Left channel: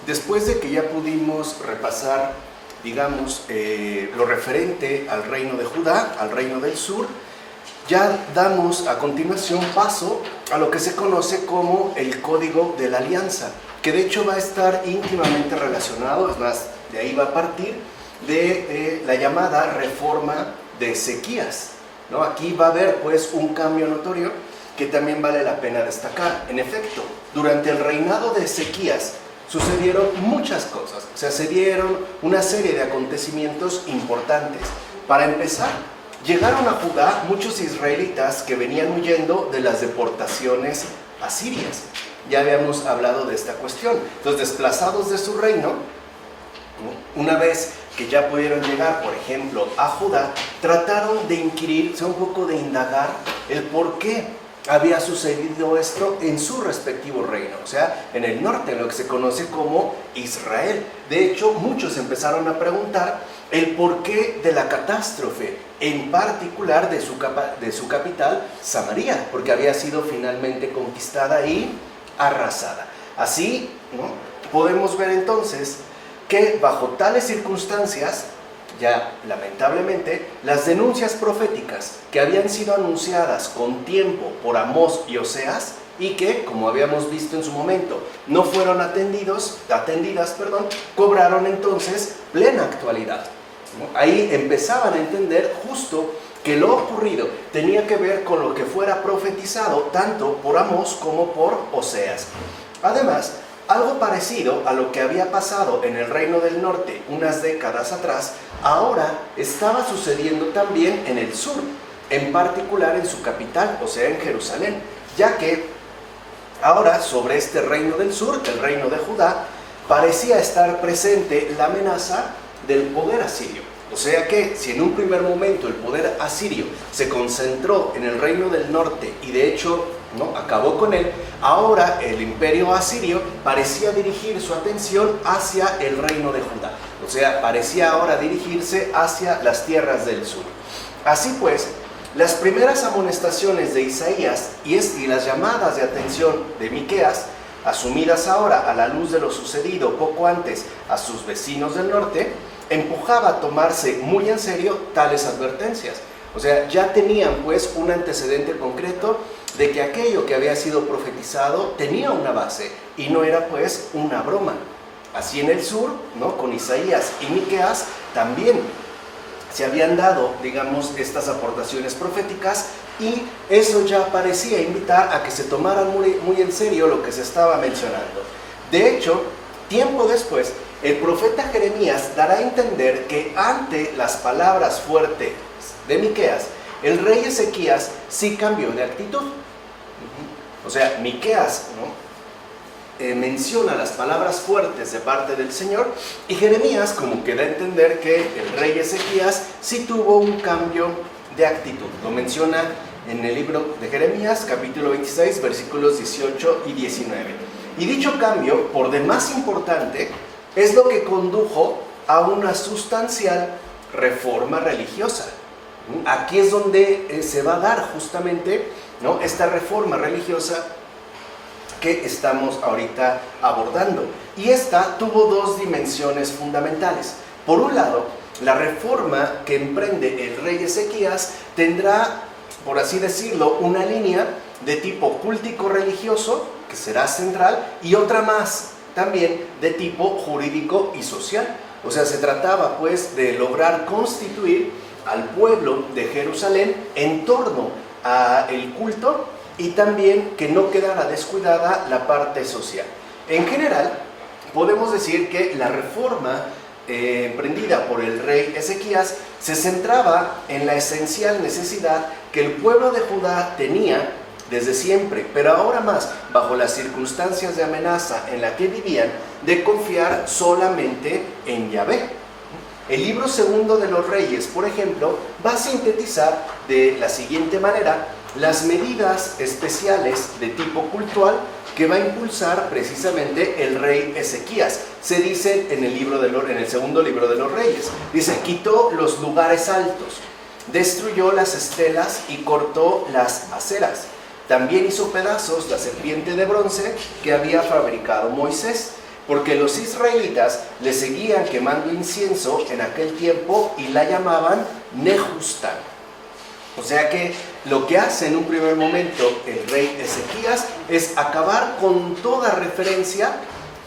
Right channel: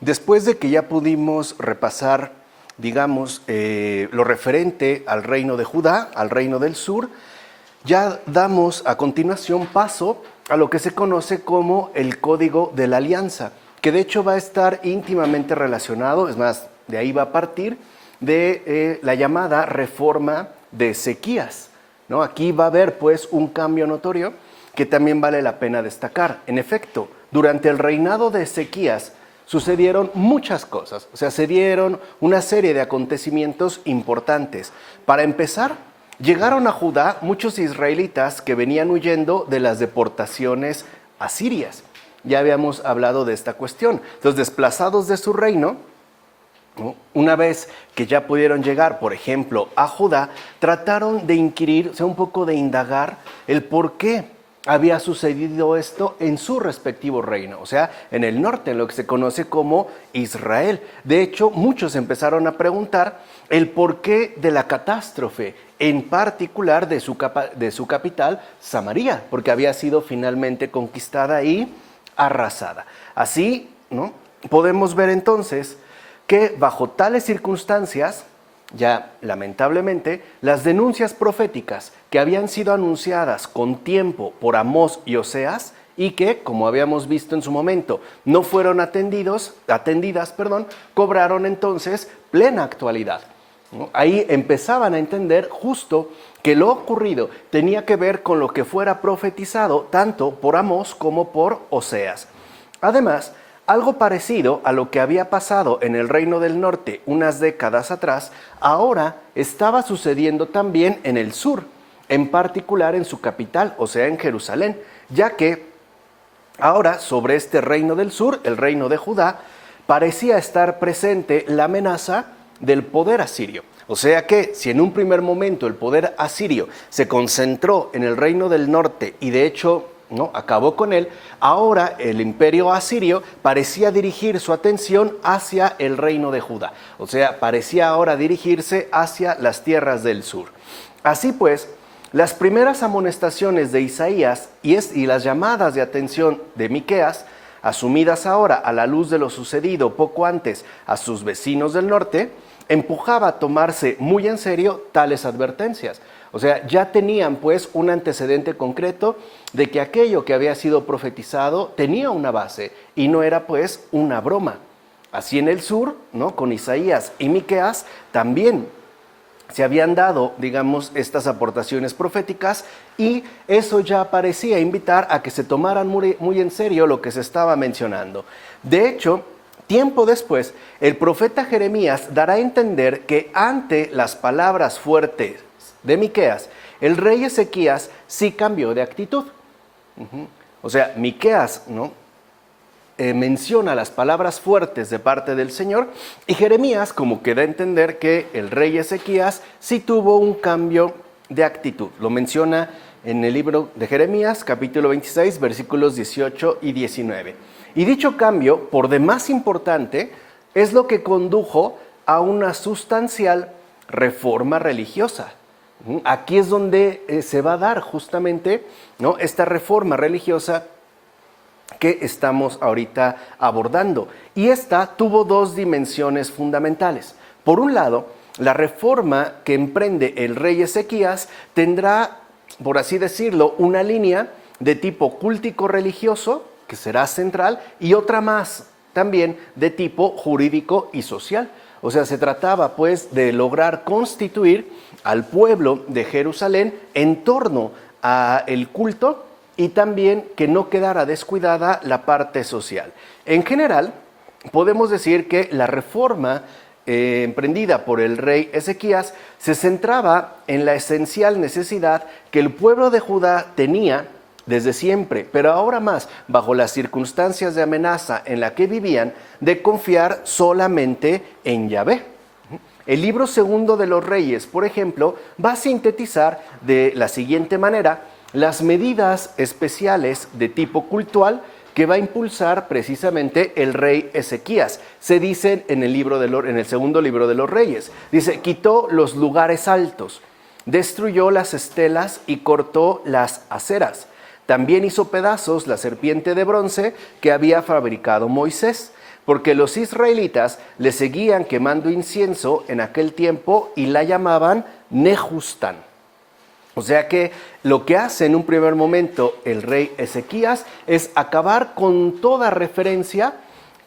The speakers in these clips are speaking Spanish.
Después de que ya pudimos repasar, digamos, lo referente al reino de Judá, al reino del sur, ya damos a continuación paso a lo que se conoce como el Código de la Alianza, que de hecho va a estar íntimamente relacionado, es más, de ahí va a partir, de la llamada reforma de Ezequías, ¿no? Aquí va a haber pues un cambio notorio que también vale la pena destacar. En efecto, durante el reinado de Ezequías sucedieron muchas cosas, o sea, se dieron una serie de acontecimientos importantes. Para empezar, llegaron a Judá muchos israelitas que venían huyendo de las deportaciones asirias. Ya habíamos hablado de esta cuestión. Entonces, desplazados de su reino, una vez que ya pudieron llegar, por ejemplo, a Judá, trataron de inquirir, o sea, un poco de indagar el por qué había sucedido esto en su respectivo reino, o sea, en el norte, en lo que se conoce como Israel. De hecho, muchos empezaron a preguntar el porqué de la catástrofe, en particular de su capital, Samaria, porque había sido finalmente conquistada y arrasada. Así, ¿no?, podemos ver entonces que bajo tales circunstancias, ya lamentablemente, las denuncias proféticas que habían sido anunciadas con tiempo por Amós y Oseas y que, como habíamos visto en su momento, no fueron atendidas, cobraron entonces plena actualidad, ¿no? Ahí empezaban a entender justo que lo ocurrido tenía que ver con lo que fuera profetizado tanto por Amós como por Oseas. Además, algo parecido a lo que había pasado en el Reino del Norte unas décadas atrás, ahora estaba sucediendo también en el sur, en particular en su capital, o sea, en Jerusalén, ya que ahora sobre este Reino del Sur, el Reino de Judá, parecía estar presente la amenaza del poder asirio. O sea que si en un primer momento el poder asirio se concentró en el Reino del Norte y de hecho ¿no?, acabó con él, ahora el imperio asirio parecía dirigir su atención hacia el reino de Judá, o sea, parecía ahora dirigirse hacia las tierras del sur. Así pues, las primeras amonestaciones de Isaías y las llamadas de atención de Miqueas, asumidas ahora a la luz de lo sucedido poco antes a sus vecinos del norte, empujaba a tomarse muy en serio tales advertencias. O sea, ya tenían pues un antecedente concreto de que aquello que había sido profetizado tenía una base y no era pues una broma. Así en el sur, ¿no?, con Isaías y Miqueas también se habían dado, digamos, estas aportaciones proféticas y eso ya parecía invitar a que se tomaran muy en serio lo que se estaba mencionando. De hecho, tiempo después, el profeta Jeremías dará a entender que ante las palabras fuertes de Miqueas, el rey Ezequías sí cambió de actitud. O sea, Miqueas, ¿no?, menciona las palabras fuertes de parte del Señor y Jeremías como que da a entender que el rey Ezequías sí tuvo un cambio de actitud. Lo menciona en el libro de Jeremías, capítulo 26, versículos 18 y 19. Y dicho cambio, por demás importante, es lo que condujo a una sustancial reforma religiosa. Aquí es donde se va a dar justamente, ¿no?, esta reforma religiosa que estamos ahorita abordando. Y esta tuvo dos dimensiones fundamentales. Por un lado, la reforma que emprende el rey Ezequías tendrá, por así decirlo, una línea de tipo cultico-religioso, que será central, y otra más, también de tipo jurídico y social. O sea, se trataba pues de lograr constituir al pueblo de Jerusalén en torno al culto y también que no quedara descuidada la parte social. En general, podemos decir que la reforma emprendida por el rey Ezequías se centraba en la esencial necesidad que el pueblo de Judá tenía desde siempre, pero ahora más bajo las circunstancias de amenaza en la que vivían, de confiar solamente en Yahvé. El libro segundo de los Reyes, por ejemplo, va a sintetizar de la siguiente manera las medidas especiales de tipo cultural que va a impulsar precisamente el rey Ezequías. Se dice en el segundo libro de los Reyes, dice, quitó los lugares altos, destruyó las estelas y cortó las aceras. También hizo pedazos la serpiente de bronce que había fabricado Moisés. porque los israelitas le seguían quemando incienso en aquel tiempo y la llamaban Nehustán. O sea que lo que hace en un primer momento el rey Ezequías es acabar con toda referencia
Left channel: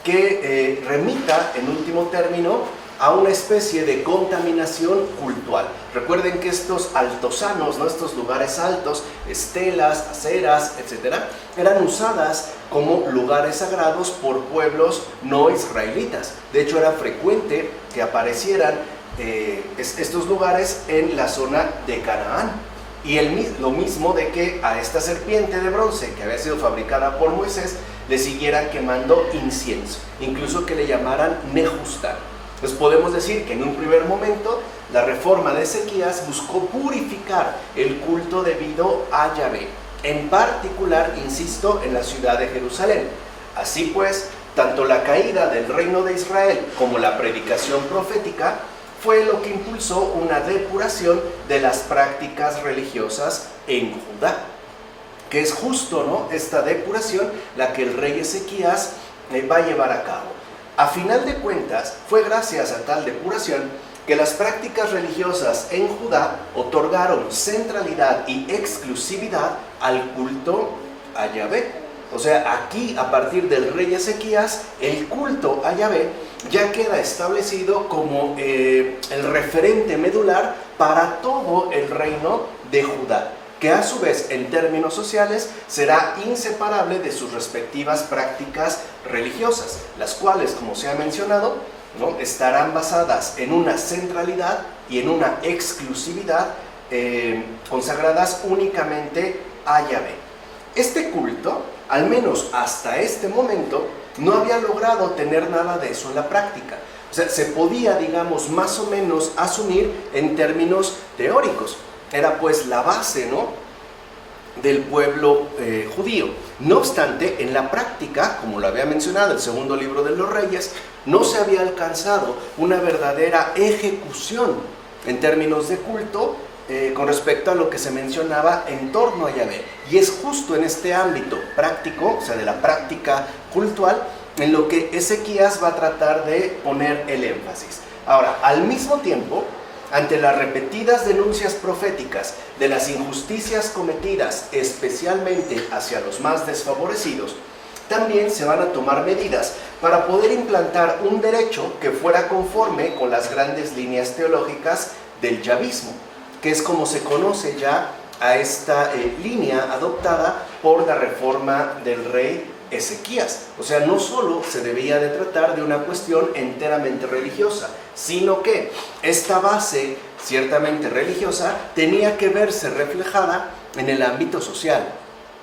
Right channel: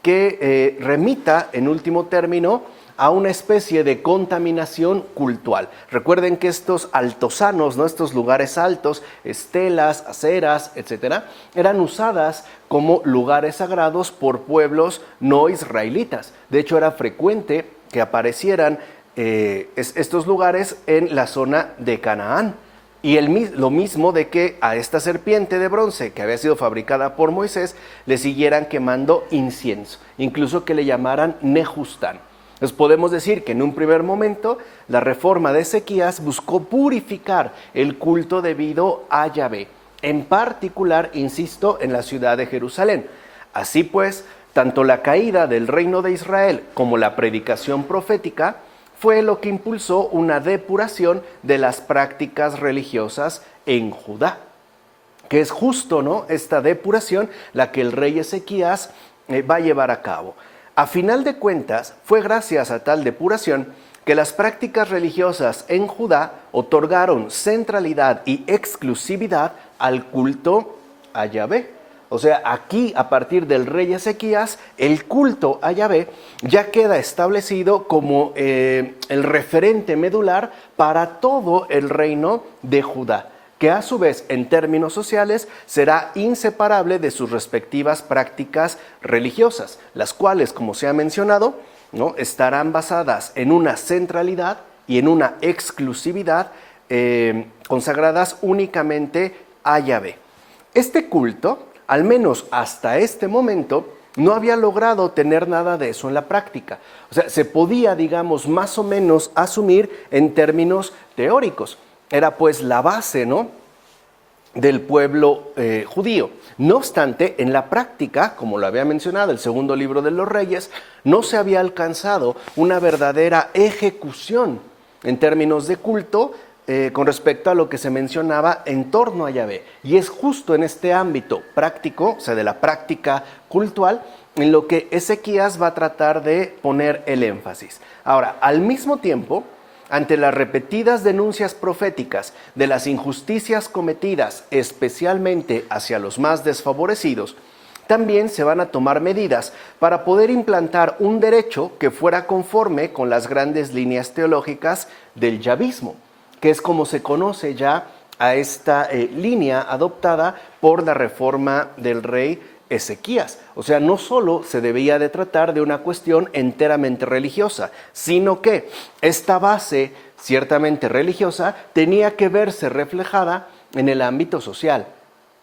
que remita en último término a una especie de contaminación cultural. Recuerden que estos altosanos, ¿no? Estos lugares altos, estelas, aceras, etcétera, eran usadas como lugares sagrados por pueblos no israelitas. De hecho, era frecuente que aparecieran estos lugares en la zona de Canaán. Y lo mismo de que a esta serpiente de bronce que había sido fabricada por Moisés le siguieran quemando incienso, incluso que le llamaran Nehustán. Entonces podemos decir que en un primer momento la reforma de Ezequías buscó purificar el culto debido a Yahvé, en particular, insisto, en la ciudad de Jerusalén. Así pues, tanto la caída del reino de Israel como la predicación profética fue lo que impulsó una depuración de las prácticas religiosas en Judá, que es justo, ¿no?, esta depuración la que el rey Ezequías va a llevar a cabo. A final de cuentas, fue gracias a tal depuración que las prácticas religiosas en Judá otorgaron centralidad y exclusividad al culto a Yahvé. O sea, aquí, a partir del rey Ezequías, el culto a Yahvé ya queda establecido como el referente medular para todo el reino de Judá, que a su vez, en términos sociales, será inseparable de sus respectivas prácticas religiosas, las cuales, como se ha mencionado, ¿no?, estarán basadas en una centralidad y en una exclusividad consagradas únicamente a Yahvé. Este culto, al menos hasta este momento, no había logrado tener nada de eso en la práctica. O sea, se podía, digamos, más o menos asumir en términos teóricos. Era pues la base, ¿no?, del pueblo judío. No obstante, en la práctica, como lo había mencionado el segundo libro de los Reyes, no se había alcanzado una verdadera ejecución en términos de culto con respecto a lo que se mencionaba en torno a Yahvé. Y es justo en este ámbito práctico, o sea, de la práctica cultural, en lo que Ezequías va a tratar de poner el énfasis. Ahora, al mismo tiempo, ante las repetidas denuncias proféticas de las injusticias cometidas, especialmente hacia los más desfavorecidos, también se van a tomar medidas para poder implantar un derecho que fuera conforme con las grandes líneas teológicas del yavismo, que es como se conoce ya a esta línea adoptada por la reforma del rey Ezequías. O sea, no solo se debía de tratar de una cuestión enteramente religiosa, sino que esta base ciertamente religiosa tenía que verse reflejada en el ámbito social,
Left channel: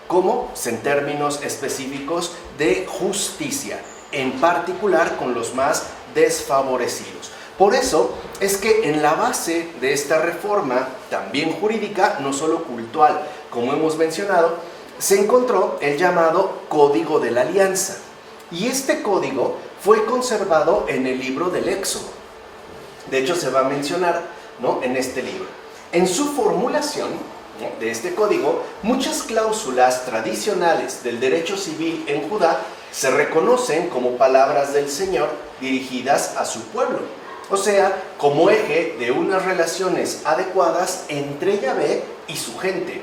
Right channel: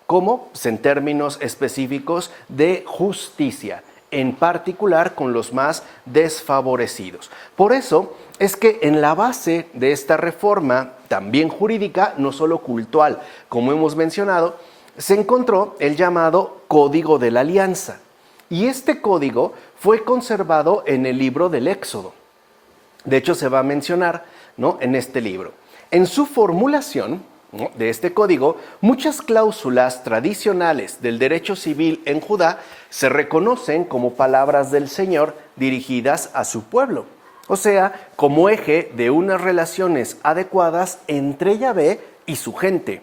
como en términos específicos de justicia, en particular con los más desfavorecidos. Por eso es que en la base de esta reforma, también jurídica, no solo cultural, como hemos mencionado, se encontró el llamado Código de la Alianza. Y este código fue conservado en el libro del Éxodo. De hecho, se va a mencionar, ¿no?, en este libro. En su formulación, ¿no?, de este código, muchas cláusulas tradicionales del derecho civil en Judá se reconocen como palabras del Señor dirigidas a su pueblo. O sea, como eje de unas relaciones adecuadas entre Yahvé y su gente.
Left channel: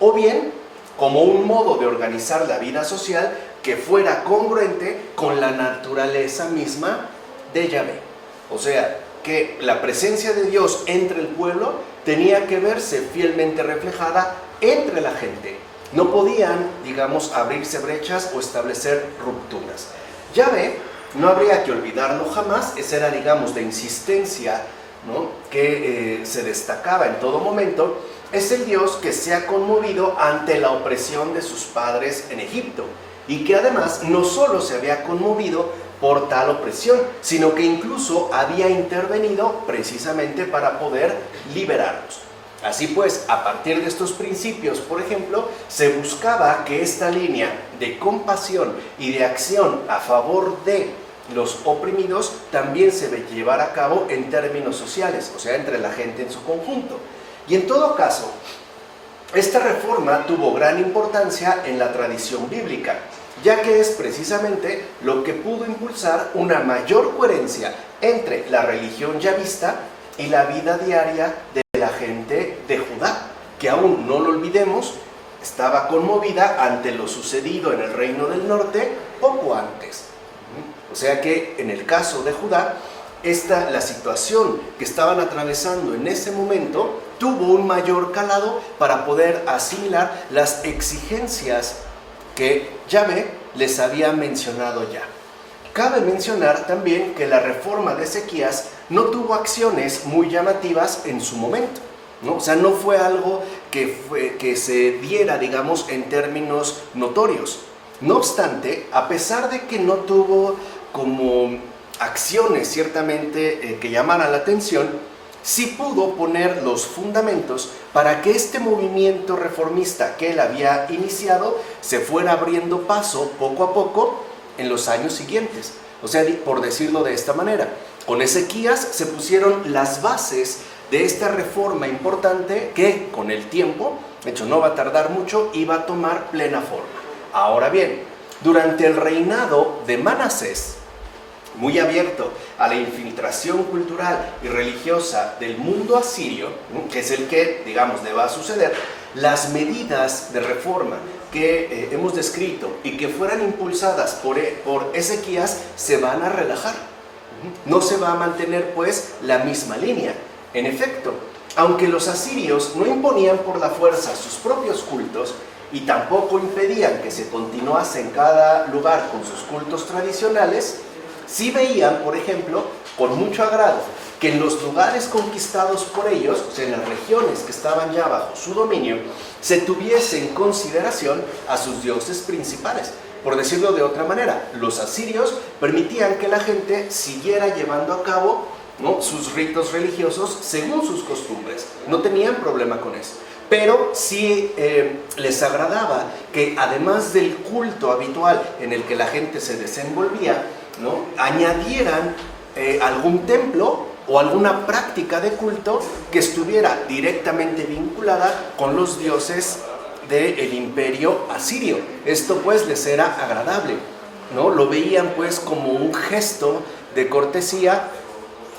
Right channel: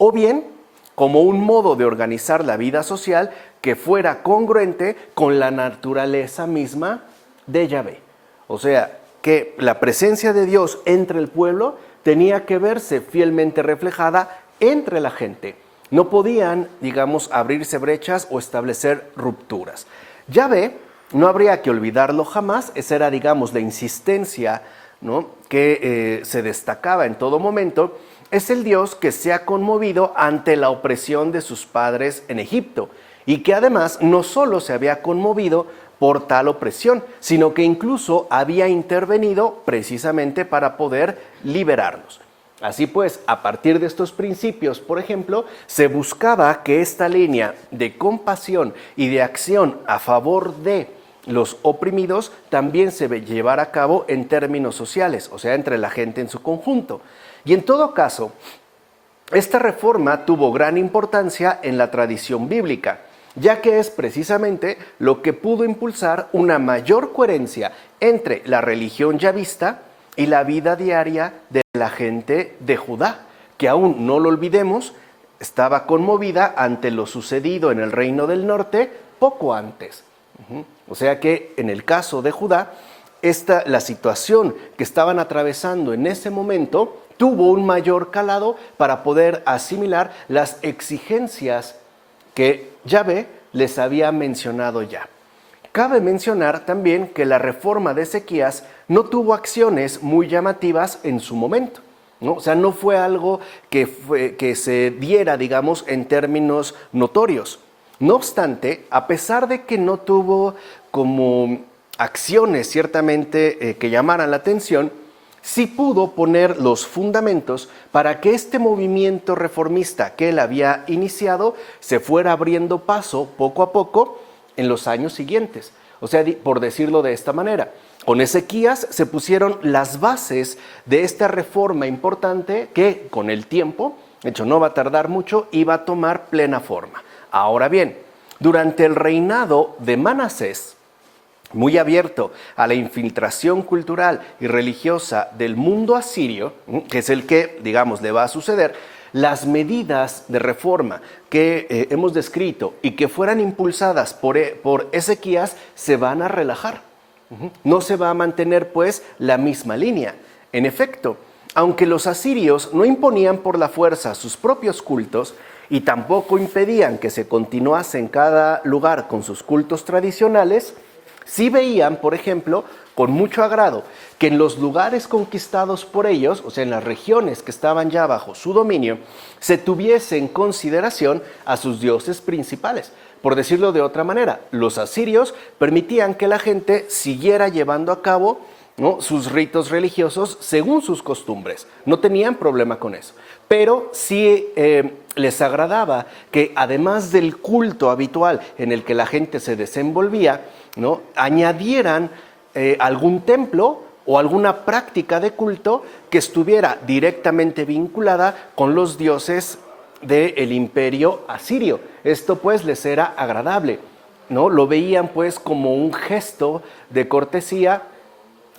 O bien, como un modo de organizar la vida social que fuera congruente con la naturaleza misma de Yahvé. O sea, que la presencia de Dios entre el pueblo tenía que verse fielmente reflejada entre la gente. No podían, digamos, abrirse brechas o establecer rupturas. Yahvé, no habría que olvidarlo jamás, esa era, digamos, la insistencia, ¿no?, que se destacaba en todo momento. Es el Dios que se ha conmovido ante la opresión de sus padres en Egipto y que además no solo se había conmovido por tal opresión, sino que incluso había intervenido precisamente para poder liberarlos. Así pues, a partir de estos principios, por ejemplo, se buscaba que esta línea de compasión y de acción a favor de los oprimidos también se llevara a cabo en términos sociales, o sea, entre la gente en su conjunto. Y en todo caso, esta reforma tuvo gran importancia en la tradición bíblica. ya que es precisamente lo que pudo impulsar una mayor coherencia entre la religión yavista y la vida diaria de la gente de Judá, que aún no lo olvidemos, estaba conmovida ante lo sucedido en el reino del norte poco antes. O sea que en el caso de Judá, la situación que estaban atravesando en ese momento tuvo un mayor calado para poder asimilar las exigencias que Yahvé les había mencionado ya. Cabe mencionar también que la reforma de Ezequías no tuvo acciones muy llamativas en su momento, ¿no? O sea, no fue algo que se diera, digamos, en términos notorios. No obstante, a pesar de que no tuvo como acciones ciertamente que llamaran la atención, sí pudo poner los fundamentos para que este movimiento reformista que él había iniciado se fuera abriendo paso poco a poco en los años siguientes. O sea, por decirlo de esta manera, con Ezequías se pusieron las bases de esta reforma importante que con el tiempo, de hecho no va a tardar mucho, iba a tomar plena forma. Ahora bien, durante el reinado de Manasés, muy abierto a la infiltración cultural y religiosa del mundo asirio, que es el que, digamos, le va a suceder, las medidas de reforma que hemos descrito y que fueran impulsadas por Ezequías se van a relajar. No se va a mantener, pues, la misma línea. En efecto, aunque los asirios no imponían por la fuerza sus propios cultos y tampoco impedían que se continuase en cada lugar con sus cultos tradicionales, sí veían, por ejemplo, con mucho agrado, que en los lugares conquistados por ellos, o sea, en las regiones que estaban ya bajo su dominio, se tuviese en consideración a sus dioses principales. Por decirlo de otra manera, los asirios permitían que la gente siguiera llevando a cabo, ¿no?, sus ritos religiosos según sus costumbres. No tenían problema con eso. Pero sí les agradaba que además del culto habitual en el que la gente se desenvolvía, ¿no?, añadieran algún templo o alguna práctica de culto que estuviera directamente vinculada con los dioses del imperio asirio. Esto pues les era agradable, ¿no? Lo veían pues como un gesto de cortesía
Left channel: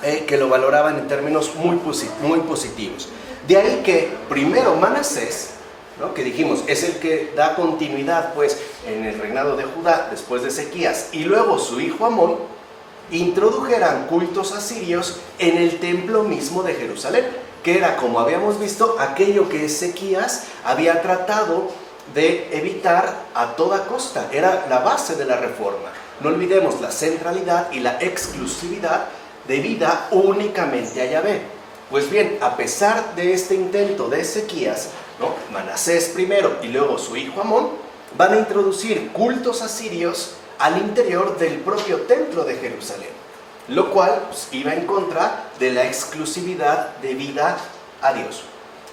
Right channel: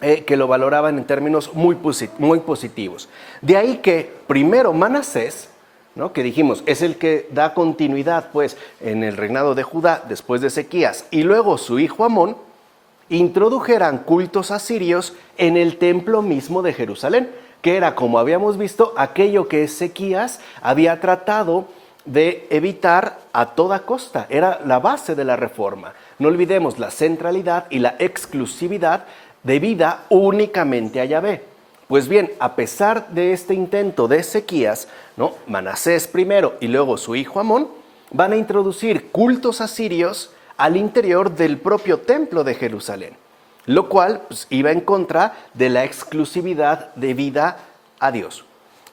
que lo valoraban en términos muy positivos. De ahí que primero Manasés, ¿no?, que dijimos es el que da continuidad pues en el reinado de Judá después de Ezequías, y luego su hijo Amón introdujeran cultos asirios en el templo mismo de Jerusalén, que era, como habíamos visto, aquello que Ezequías había tratado de evitar a toda costa. Era la base de la reforma. No olvidemos la centralidad y la exclusividad debida únicamente a Yahvé. Pues bien, a pesar de este intento de Ezequías, ¿no?, Manasés primero y luego su hijo Amón van a introducir cultos asirios al interior del propio templo de Jerusalén, lo cual pues, iba en contra de la exclusividad debida a Dios.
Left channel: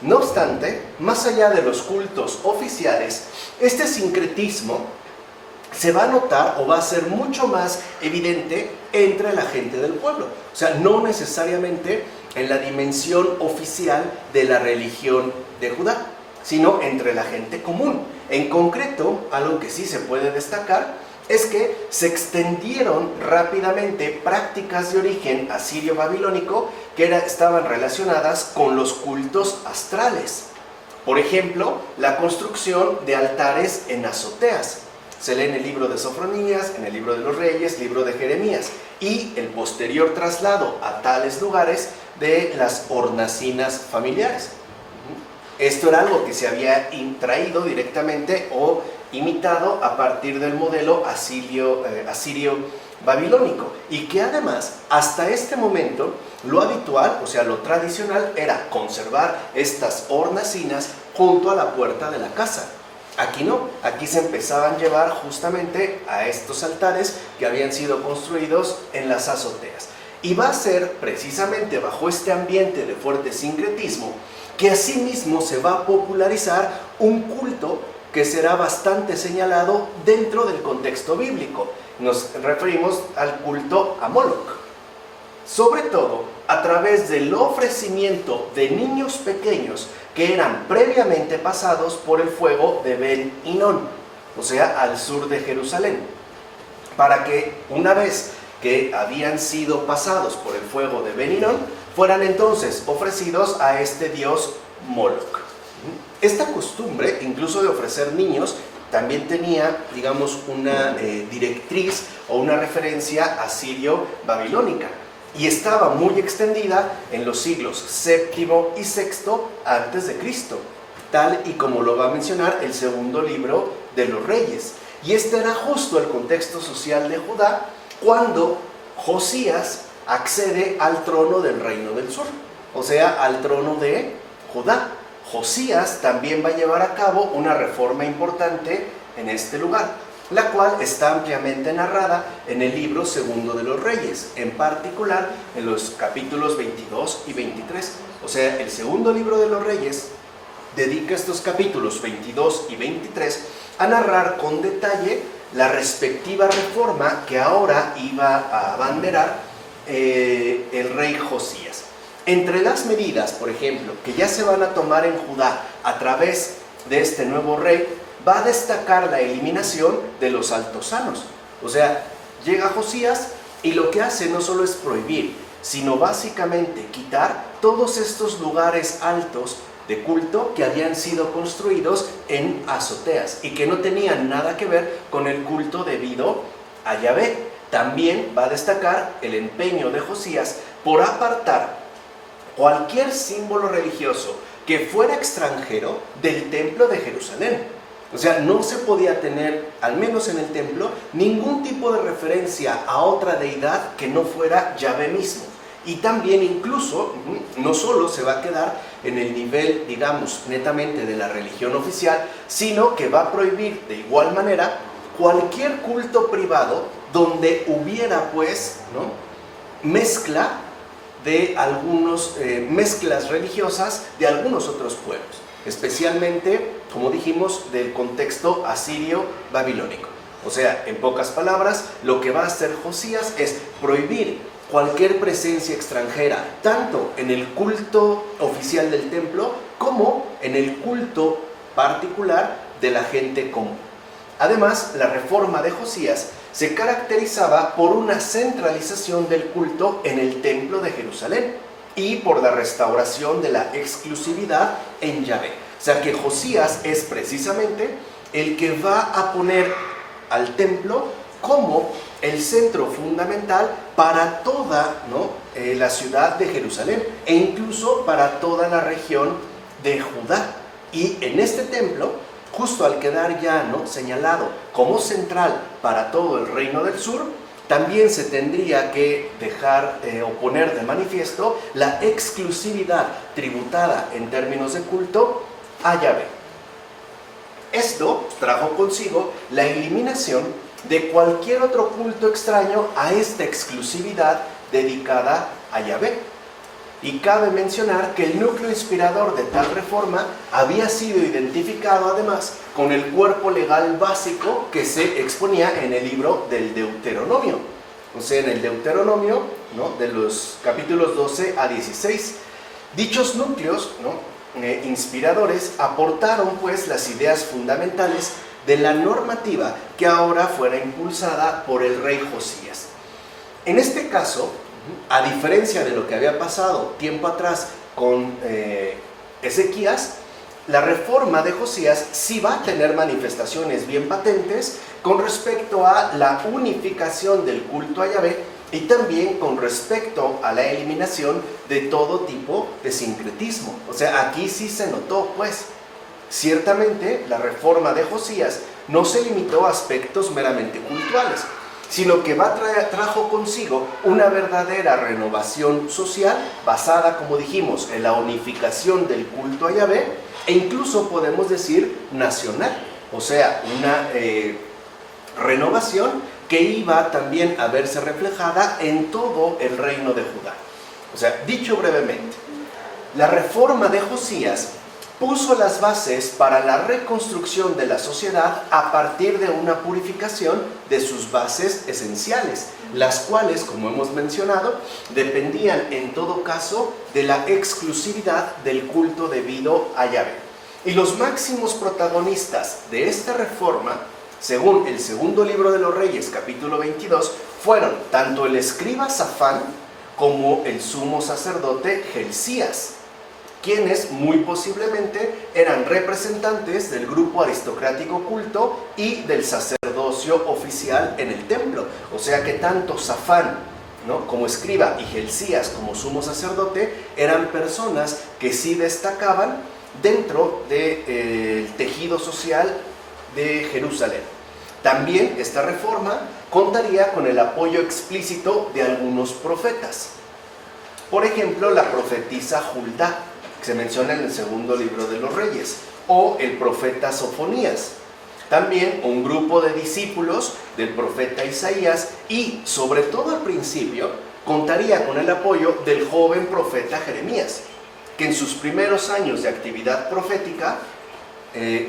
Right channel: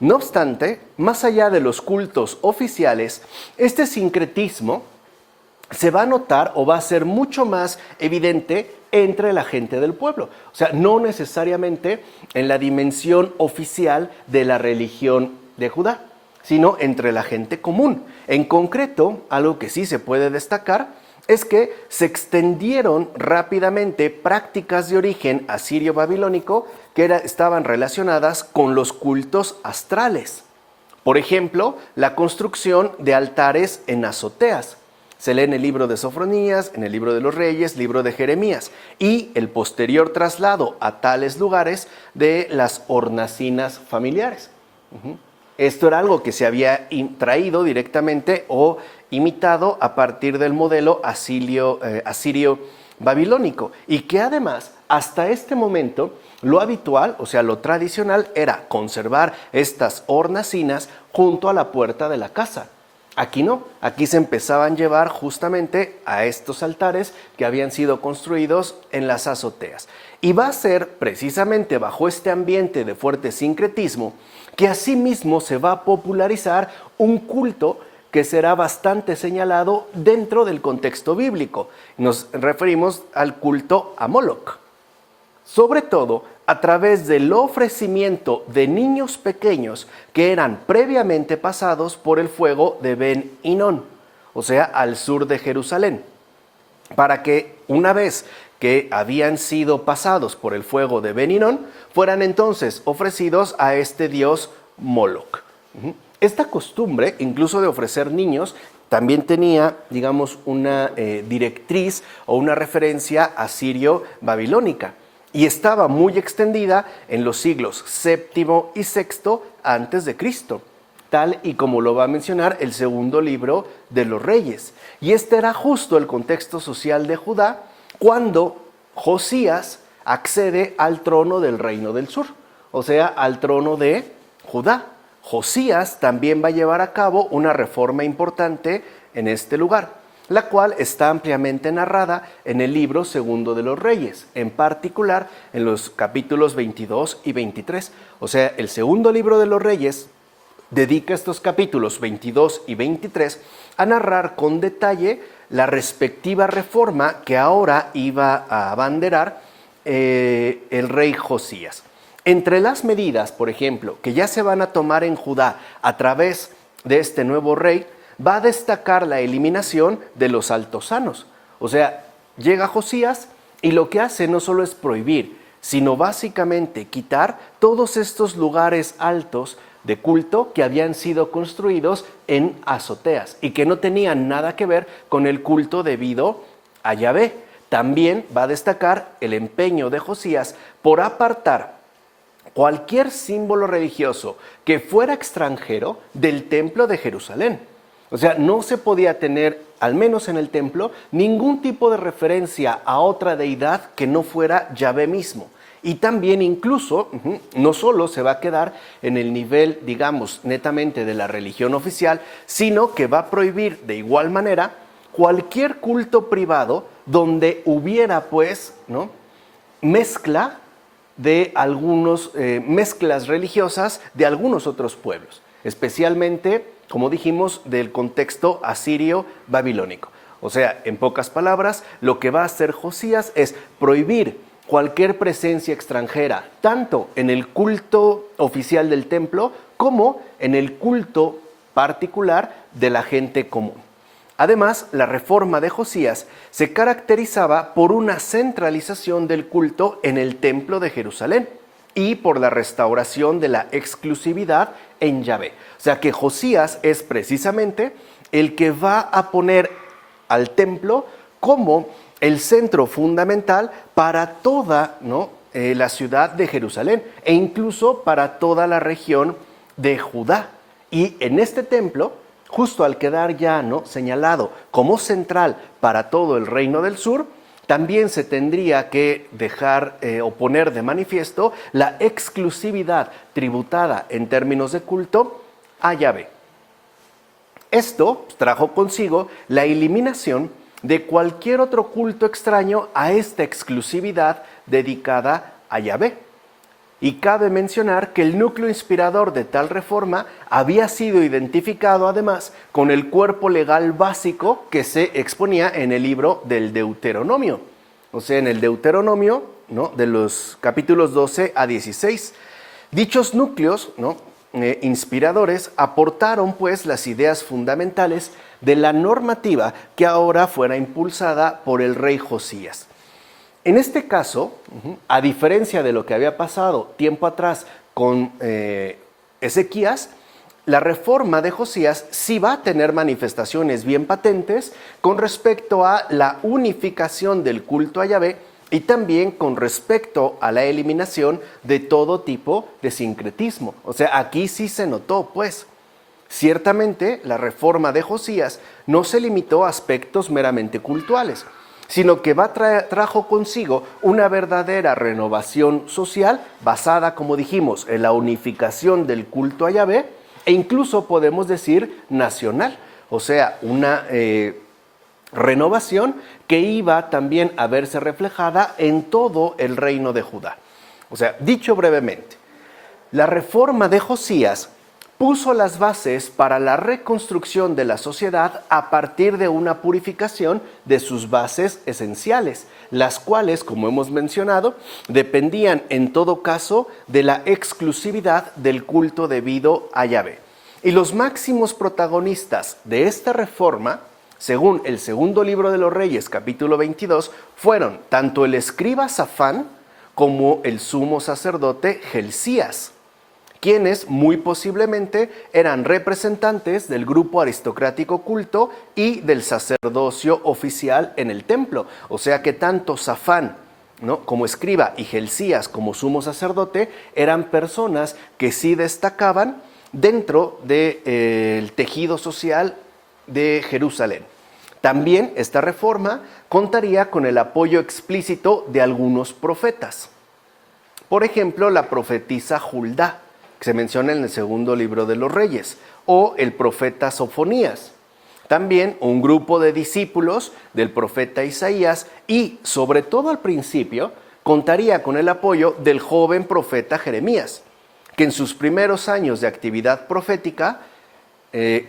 No obstante, más allá de los cultos oficiales, este sincretismo se va a notar o va a ser mucho más evidente entre la gente del pueblo. O sea, no necesariamente en la dimensión oficial de la religión de Judá, sino entre la gente común. En concreto, algo que sí se puede destacar es que se extendieron rápidamente prácticas de origen asirio-babilónico que estaban relacionadas con los cultos astrales. Por ejemplo, la construcción de altares en azoteas. Se lee en el libro de Sofronías, en el libro de los Reyes, libro de Jeremías, y el posterior traslado a tales lugares de las hornacinas familiares. Esto era algo que se había traído directamente o imitado a partir del modelo asirio-babilónico, y que además hasta este momento lo habitual, o sea lo tradicional, era conservar estas hornacinas junto a la puerta de la casa. Aquí no, aquí se empezaban a llevar justamente a estos altares que habían sido construidos en las azoteas. Y va a ser precisamente bajo este ambiente de fuerte sincretismo que asimismo se va a popularizar un culto que será bastante señalado dentro del contexto bíblico. Nos referimos al culto a Moloch, sobre todo a través del ofrecimiento de niños pequeños que eran previamente pasados por el fuego de Ben Hinnom. o sea, al sur de Jerusalén, para que una vez que habían sido pasados por el fuego de Ben-Hinnom, fueran entonces ofrecidos a este dios Moloch. Esta costumbre, incluso de ofrecer niños, también tenía, digamos, una directriz o una referencia asirio-babilónica, y estaba muy extendida en los siglos VII y VI antes de Cristo, tal y como lo va a mencionar el segundo libro de los Reyes. Y este era justo el contexto social de Judá cuando Josías accede al trono del reino del sur, o sea, al trono de Judá. Josías también va a llevar a cabo una reforma importante en este lugar, la cual está ampliamente narrada en el libro segundo de los Reyes, en particular en los capítulos 22 y 23. O sea, el segundo libro de los Reyes dedica estos capítulos 22 y 23 a narrar con detalle la respectiva reforma que ahora iba a abanderar el rey Josías. Entre las medidas, por ejemplo, que ya se van a tomar en Judá a través de este nuevo rey, va a destacar la eliminación de los altosanos. O sea, llega Josías y lo que hace no solo es prohibir, sino básicamente quitar todos estos lugares altos de culto que habían sido construidos en azoteas y que no tenían nada que ver con el culto debido a Yahvé. También va a destacar el empeño de Josías por apartar cualquier símbolo religioso que fuera extranjero del templo de Jerusalén. O sea, no se podía tener, al menos en el templo, ningún tipo de referencia a otra deidad que no fuera Yahvé mismo. Y también incluso, no solo se va a quedar en el nivel, digamos, netamente de la religión oficial, sino que va a prohibir de igual manera cualquier culto privado donde hubiera, pues, ¿no?, mezcla de mezclas religiosas de algunos otros pueblos, especialmente, como dijimos, del contexto asirio-babilónico. O sea, en pocas palabras, lo que va a hacer Josías es prohibir cualquier presencia extranjera, tanto en el culto oficial del templo como en el culto particular de la gente común. Además, la reforma de Josías se caracterizaba por una centralización del culto en el templo de Jerusalén y por la restauración de la exclusividad en Yahvé. O sea que Josías es precisamente el que va a poner al templo como el centro fundamental para toda, ¿no?, la ciudad de Jerusalén e incluso para toda la región de Judá. Y en este templo, justo al quedar ya, ¿no?, señalado como central para todo el reino del sur, también se tendría que dejar o poner de manifiesto la exclusividad tributada en términos de culto a Yahvé. Esto trajo consigo la eliminación de cualquier otro culto extraño a esta exclusividad dedicada a Yahvé. Y cabe mencionar que el núcleo inspirador de tal reforma había sido identificado además con el cuerpo legal básico que se exponía en el libro del Deuteronomio. O sea, en el Deuteronomio, ¿no?, de los capítulos 12 a 16. Dichos núcleos, ¿no?, inspiradores aportaron pues las ideas fundamentales de la normativa que ahora fuera impulsada por el rey Josías. En este caso, a diferencia de lo que había pasado tiempo atrás con Ezequías, la reforma de Josías sí va a tener manifestaciones bien patentes con respecto a la unificación del culto a Yahvé y también con respecto a la eliminación de todo tipo de sincretismo. O sea, aquí sí se notó, pues, ciertamente la reforma de Josías no se limitó a aspectos meramente cultuales, sino que trajo consigo una verdadera renovación social basada, como dijimos, en la unificación del culto a Yahvé e incluso podemos decir nacional, o sea, una renovación que iba también a verse reflejada en todo el reino de Judá. O sea, dicho brevemente, la reforma de Josías puso las bases para la reconstrucción de la sociedad a partir de una purificación de sus bases esenciales, las cuales, como hemos mencionado, dependían en todo caso de la exclusividad del culto debido a Yahvé. Y los máximos protagonistas de esta reforma según el segundo libro de los Reyes, capítulo 22, fueron tanto el escriba Safán como el sumo sacerdote Gelcías, quienes muy posiblemente eran representantes del grupo aristocrático culto y del sacerdocio oficial en el templo. O sea que tanto Safán, ¿no?, como escriba y Gelcías como sumo sacerdote eran personas que sí destacaban dentro del tejido social de Jerusalén. También esta reforma contaría con el apoyo explícito de algunos profetas. Por ejemplo, la profetisa Juldá, que se menciona en el segundo libro de los Reyes, o el profeta Sofonías. También un grupo de discípulos del profeta Isaías y, sobre todo al principio, contaría con el apoyo del joven profeta Jeremías, que en sus primeros años de actividad profética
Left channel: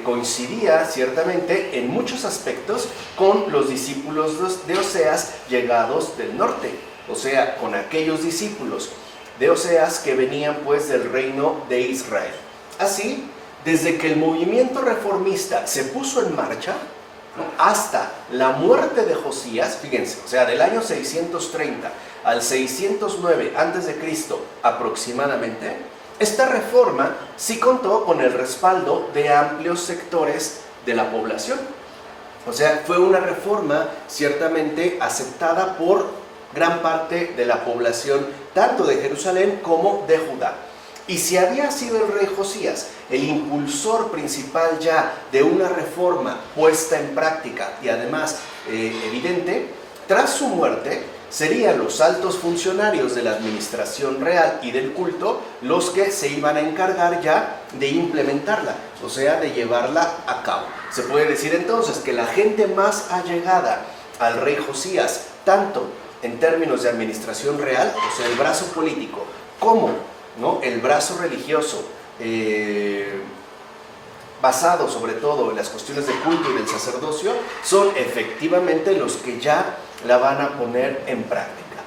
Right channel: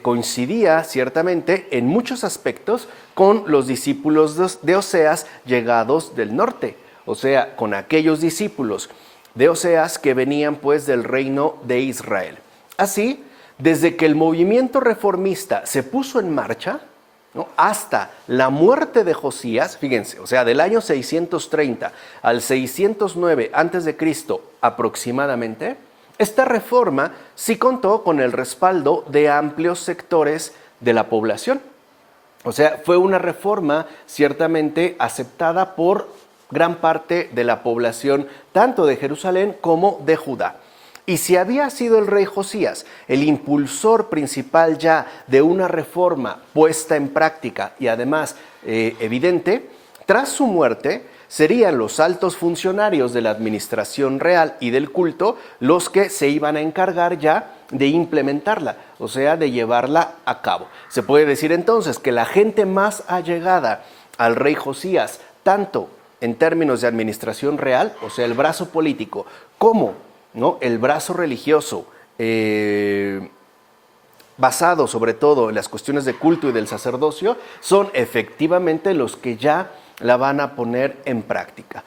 coincidía ciertamente en muchos aspectos con los discípulos de Oseas llegados del norte, o sea, con aquellos discípulos de Oseas que venían pues del reino de Israel. Así, desde que el movimiento reformista se puso en marcha, ¿no?, hasta la muerte de Josías, fíjense, o sea, del año 630 al 609 a.C. aproximadamente, esta reforma sí contó con el respaldo de amplios sectores de la población. O sea, fue una reforma ciertamente aceptada por gran parte de la población, tanto de Jerusalén como de Judá. Y si había sido el rey Josías el impulsor principal ya de una reforma puesta en práctica y además evidente, tras su muerte serían los altos funcionarios de la administración real y del culto los que se iban a encargar ya de implementarla, o sea, de llevarla a cabo. Se puede decir entonces que la gente más allegada al rey Josías, tanto en términos de administración real, o sea, el brazo político, como, ¿no?, el brazo religioso, basado sobre todo en las cuestiones de culto y del sacerdocio, son efectivamente los que ya la van a poner en práctica.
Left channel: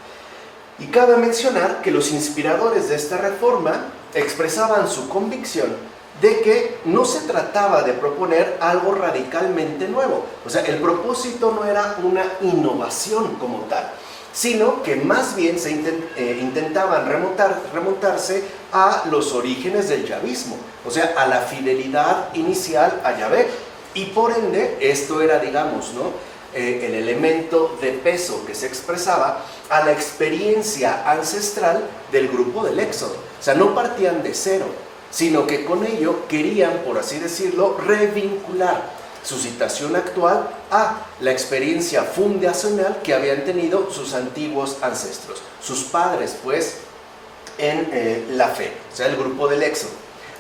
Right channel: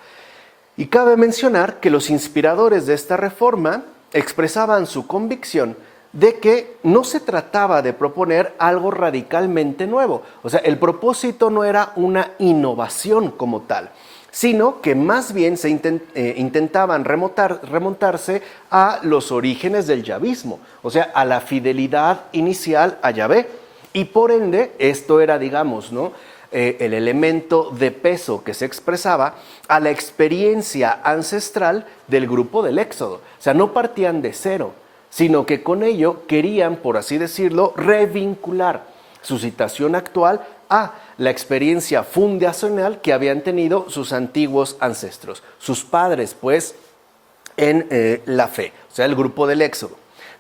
Y cabe mencionar que los inspiradores de esta reforma expresaban su convicción de que no se trataba de proponer algo radicalmente nuevo. O sea, el propósito no era una innovación como tal, sino que más bien se intentaban remontarse a los orígenes del yavismo, o sea, a la fidelidad inicial a Yahvé. Y por ende, esto era, digamos, ¿no?, el elemento de peso que se expresaba a la experiencia ancestral del grupo del Éxodo. O sea, no partían de cero, sino que con ello querían, por así decirlo, revincular su situación actual a la experiencia fundacional que habían tenido sus antiguos ancestros, sus padres, pues, en la fe, o sea, el grupo del Éxodo.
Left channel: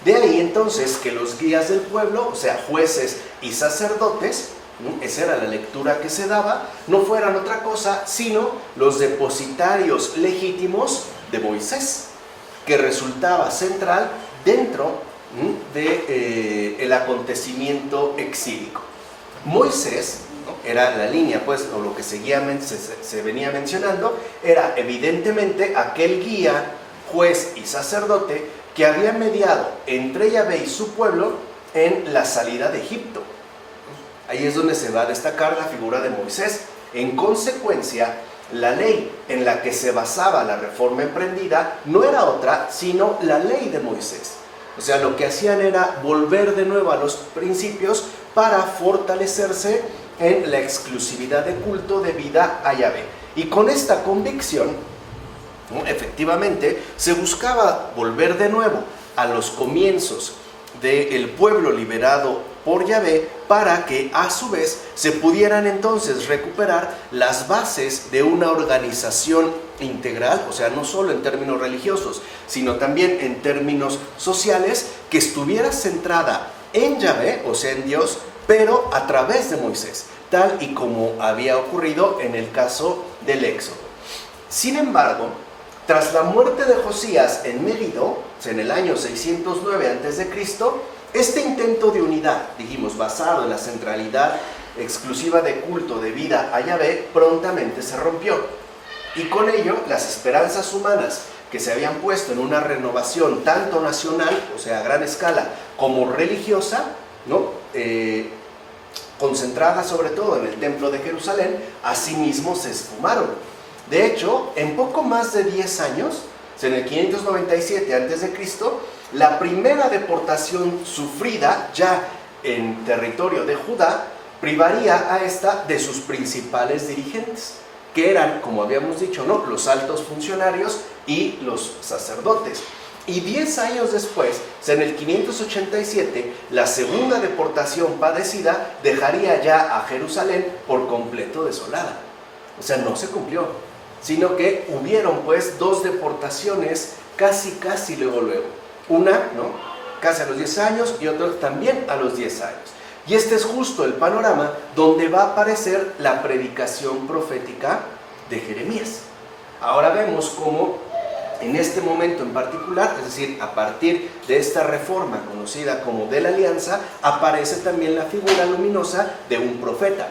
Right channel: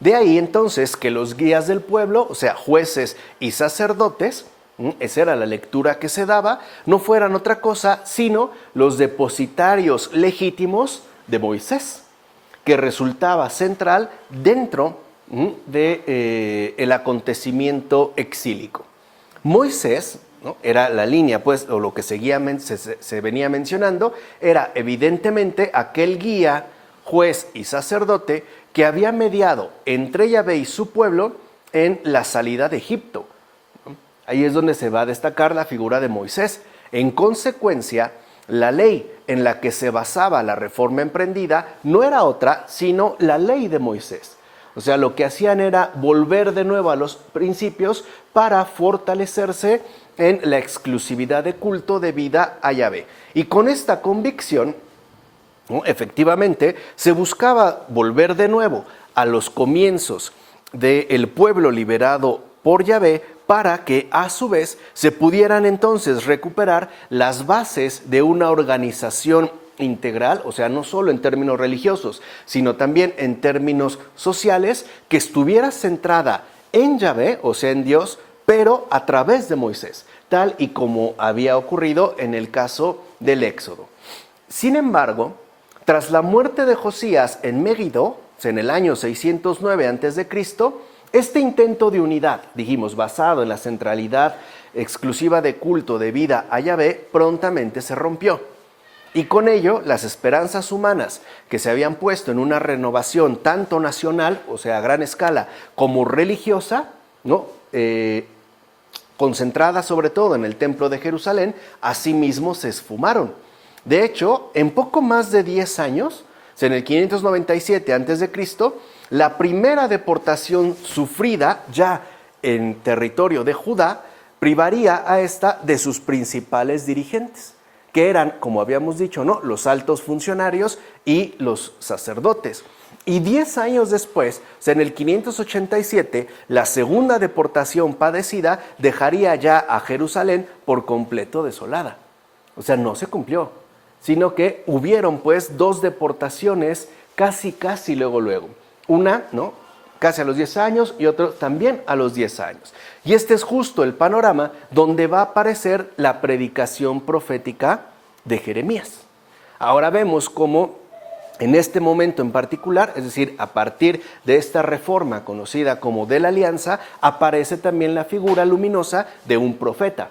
De ahí entonces que los guías del pueblo, o sea, jueces y sacerdotes, esa era la lectura que se daba, no fueran otra cosa sino los depositarios legítimos de Moisés, que resultaba central dentro del acontecimiento exílico. Moisés, ¿no?, era la línea, pues, o lo que se venía mencionando, era evidentemente aquel guía, juez y sacerdote que había mediado entre Yahvé y su pueblo en la salida de Egipto. Ahí es donde se va a destacar la figura de Moisés. En consecuencia, la ley en la que se basaba la reforma emprendida no era otra sino la ley de Moisés. O sea, lo que hacían era volver de nuevo a los principios para fortalecerse en la exclusividad de culto debida a Yahvé. Y con esta convicción, ¿no?, efectivamente, se buscaba volver de nuevo a los comienzos del pueblo liberado por Yahvé para que a su vez se pudieran entonces recuperar las bases de una organización integral, o sea, no solo en términos religiosos, sino también en términos sociales, que estuviera centrada en Yahvé, o sea, en Dios, pero a través de Moisés, tal y como había ocurrido en el caso del Éxodo. Sin embargo, tras la muerte de Josías en Megiddo, o sea, en el año 609 a.C., este intento de unidad, dijimos, basado en la centralidad exclusiva de culto debida a Yahvé, prontamente se rompió. Y con ello, las esperanzas humanas que se habían puesto en una renovación tanto nacional, o sea, a gran escala, como religiosa, ¿no?, concentradas sobre todo en el templo de Jerusalén, asimismo se esfumaron. De hecho, en poco más de 10 años, en el 597 a.C., la primera deportación sufrida ya en territorio de Judá privaría a esta de sus principales dirigentes, que eran, como habíamos dicho, ¿no?, los altos funcionarios y los sacerdotes. Y 10 años después, en el 587, la segunda deportación padecida dejaría ya a Jerusalén por completo desolada. O sea, no se cumplió, sino que hubieron pues 2 deportaciones casi luego. Una, ¿no?, casi a los 10 años y otra también a los 10 años. Y este es justo el panorama donde va a aparecer la predicación profética de Jeremías. Ahora vemos cómo en este momento en particular, es decir, a partir de esta reforma conocida como de la Alianza, aparece también la figura luminosa de un profeta,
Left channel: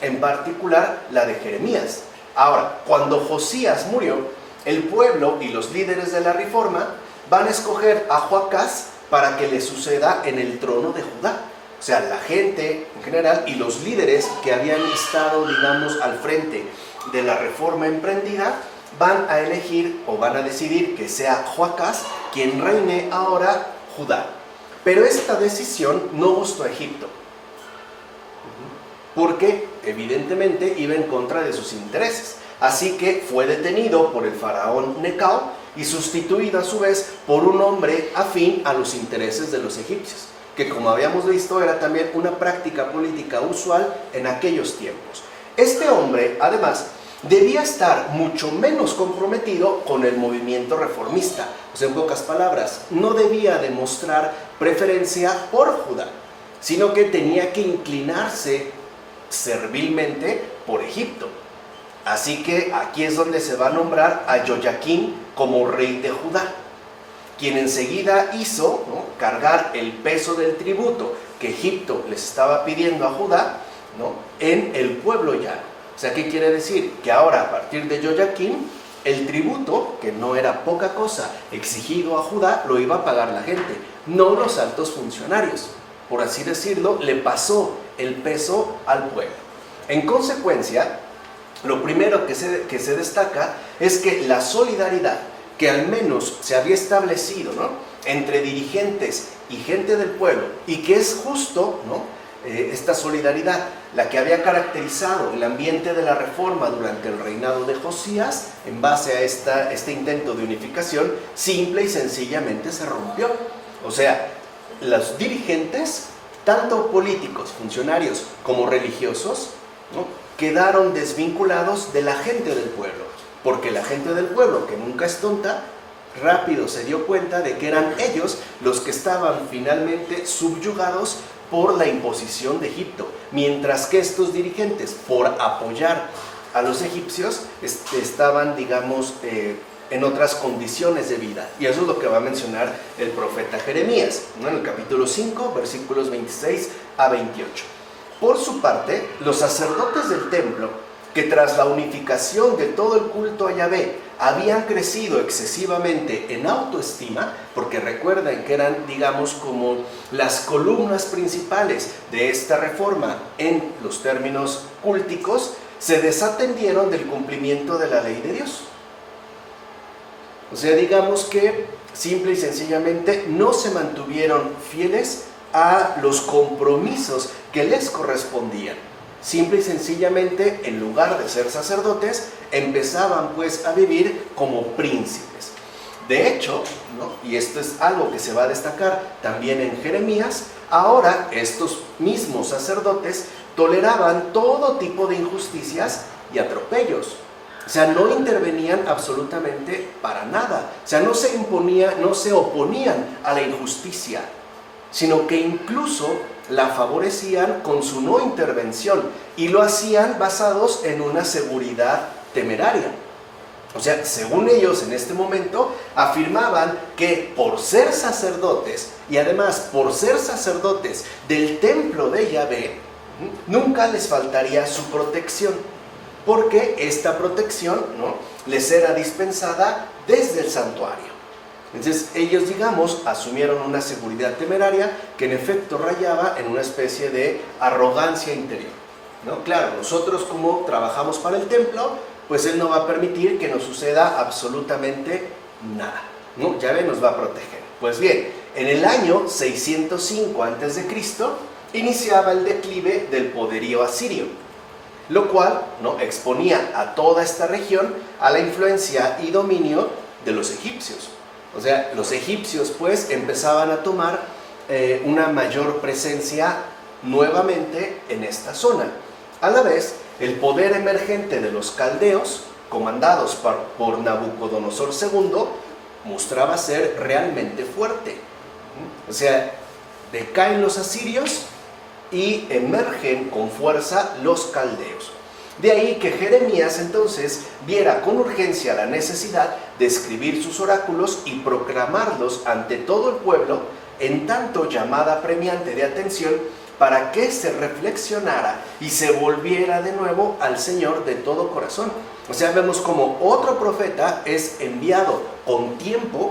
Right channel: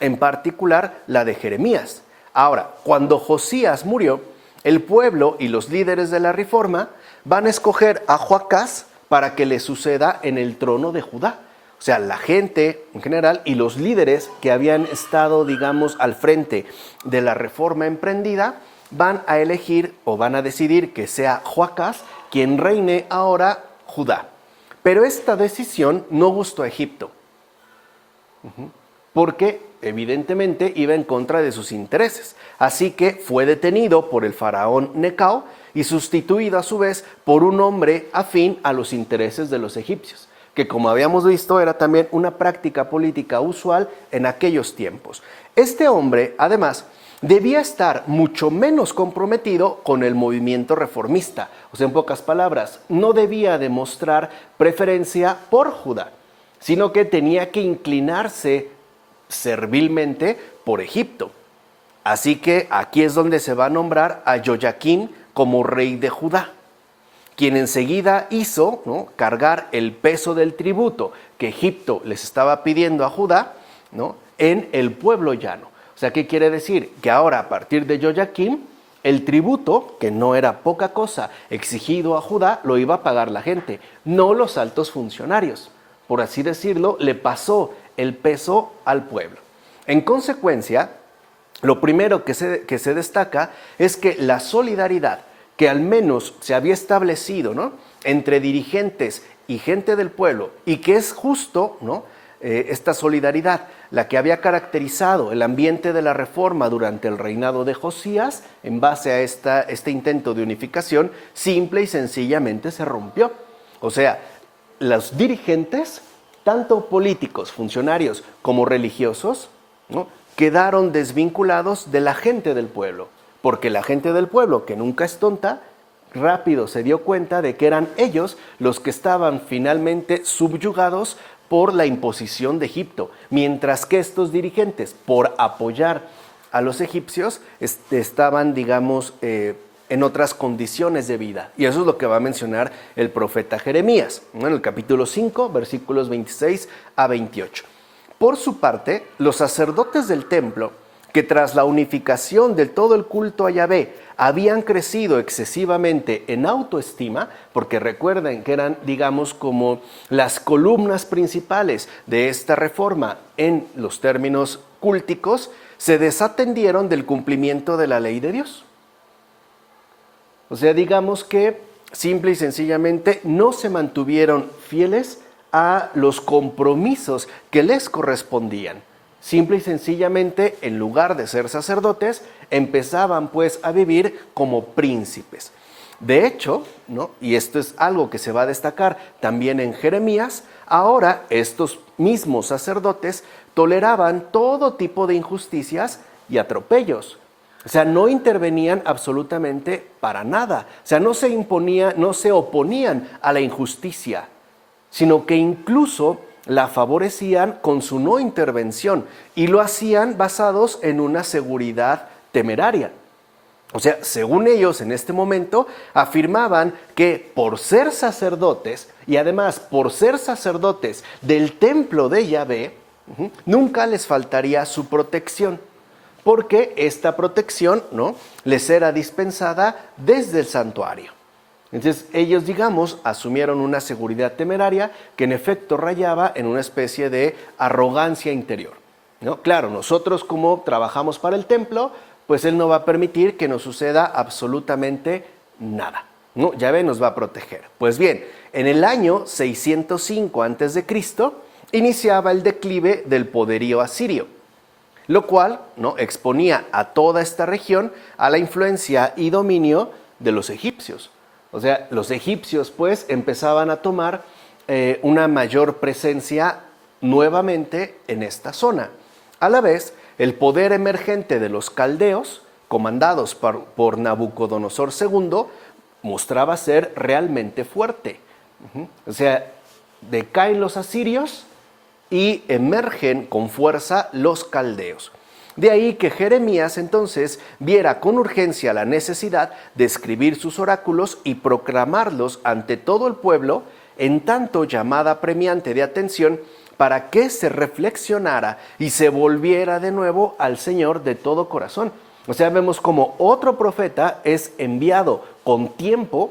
en particular la de Jeremías. Ahora, cuando Josías murió, el pueblo y los líderes de la reforma van a escoger a Joacás para que le suceda en el trono de Judá. O sea, la gente en general y los líderes que habían estado, digamos, al frente de la reforma emprendida, van a elegir o van a decidir que sea Joacás quien reine ahora Judá. Pero esta decisión no gustó a Egipto, porque evidentemente iba en contra de sus intereses. Así que fue detenido por el faraón Necao y sustituido a su vez por un hombre afín a los intereses de los egipcios, que como habíamos visto era también una práctica política usual en aquellos tiempos. Este hombre, además, debía estar mucho menos comprometido con el movimiento reformista. O sea, en pocas palabras, no debía demostrar preferencia por Judá, sino que tenía que inclinarse servilmente por Egipto. Así que aquí es donde se va a nombrar a Joyaquín como rey de Judá, quien enseguida hizo, ¿no?, cargar el peso del tributo que Egipto les estaba pidiendo a Judá, ¿no?, en el pueblo llano. O sea, ¿qué quiere decir? Que ahora, a partir de Joyaquín, el tributo, que no era poca cosa, exigido a Judá, lo iba a pagar la gente, no los altos funcionarios. Por así decirlo, le pasó el peso al pueblo. En consecuencia, lo primero que se destaca es que la solidaridad que al menos se había establecido, ¿no?, entre dirigentes y gente del pueblo, y que es justo, ¿no?, esta solidaridad, la que había caracterizado el ambiente de la reforma durante el reinado de Josías, en base a este intento de unificación, simple y sencillamente se rompió. O sea, los dirigentes, tanto políticos, funcionarios como religiosos, ¿no?, quedaron desvinculados de la gente del pueblo, porque la gente del pueblo, que nunca es tonta, rápido se dio cuenta de que eran ellos los que estaban finalmente subyugados por la imposición de Egipto, mientras que estos dirigentes, por apoyar a los egipcios, estaban, digamos, en otras condiciones de vida. Y eso es lo que va a mencionar el profeta Jeremías, ¿no?, en el capítulo 5, versículos 26 a 28. Por su parte, los sacerdotes del templo, que tras la unificación de todo el culto a Yahvé habían crecido excesivamente en autoestima, porque recuerden que eran, digamos, como las columnas principales de esta reforma en los términos cúlticos, se desatendieron del cumplimiento de la ley de Dios. O sea, digamos que simple y sencillamente no se mantuvieron fieles a los compromisos que les correspondían. Simple y sencillamente, en lugar de ser sacerdotes, empezaban pues a vivir como príncipes. De hecho, ¿no?, y esto es algo que se va a destacar también en Jeremías, ahora estos mismos sacerdotes toleraban todo tipo de injusticias y atropellos. O sea, no intervenían absolutamente para nada. O sea, no se oponían a la injusticia, sino que incluso la favorecían con su no intervención, y lo hacían basados en una seguridad temeraria. O sea, según ellos en este momento afirmaban que por ser sacerdotes, y además por ser sacerdotes del templo de Yahvé, nunca les faltaría su protección, porque esta protección, ¿no?, les era dispensada desde el santuario. Entonces ellos, digamos, asumieron una seguridad temeraria que en efecto rayaba en una especie de arrogancia interior, ¿no? Claro, nosotros como trabajamos para el templo, pues Él no va a permitir que nos suceda absolutamente nada, ¿no? Yahvé nos va a proteger. Pues bien, en el año 605 a.C. iniciaba el declive del poderío asirio, lo cual, ¿no?, exponía a toda esta región a la influencia y dominio de los egipcios. O sea, los egipcios pues empezaban a tomar una mayor presencia nuevamente en esta zona. A la vez, el poder emergente de los caldeos, comandados por Nabucodonosor II, mostraba ser realmente fuerte. O sea, decaen los asirios y emergen con fuerza los caldeos. De ahí que Jeremías entonces viera con urgencia la necesidad de escribir sus oráculos y proclamarlos ante todo el pueblo en tanto llamada premiante de atención para que se reflexionara y se volviera de nuevo al Señor de todo corazón. O sea, vemos como otro profeta es enviado con tiempo,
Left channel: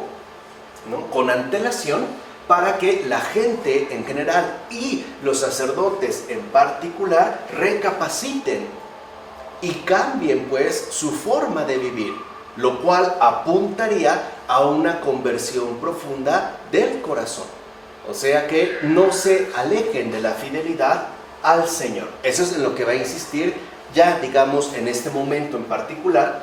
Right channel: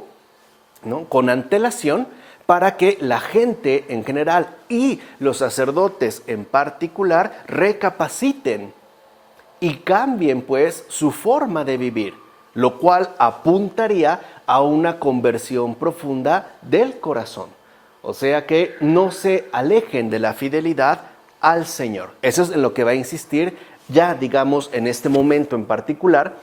¿no?, con antelación, para que la gente en general y los sacerdotes en particular recapaciten y cambien pues su forma de vivir, lo cual apuntaría a una conversión profunda del corazón. O sea que no se alejen de la fidelidad al Señor. Eso es en lo que va a insistir ya, digamos, en este momento en particular,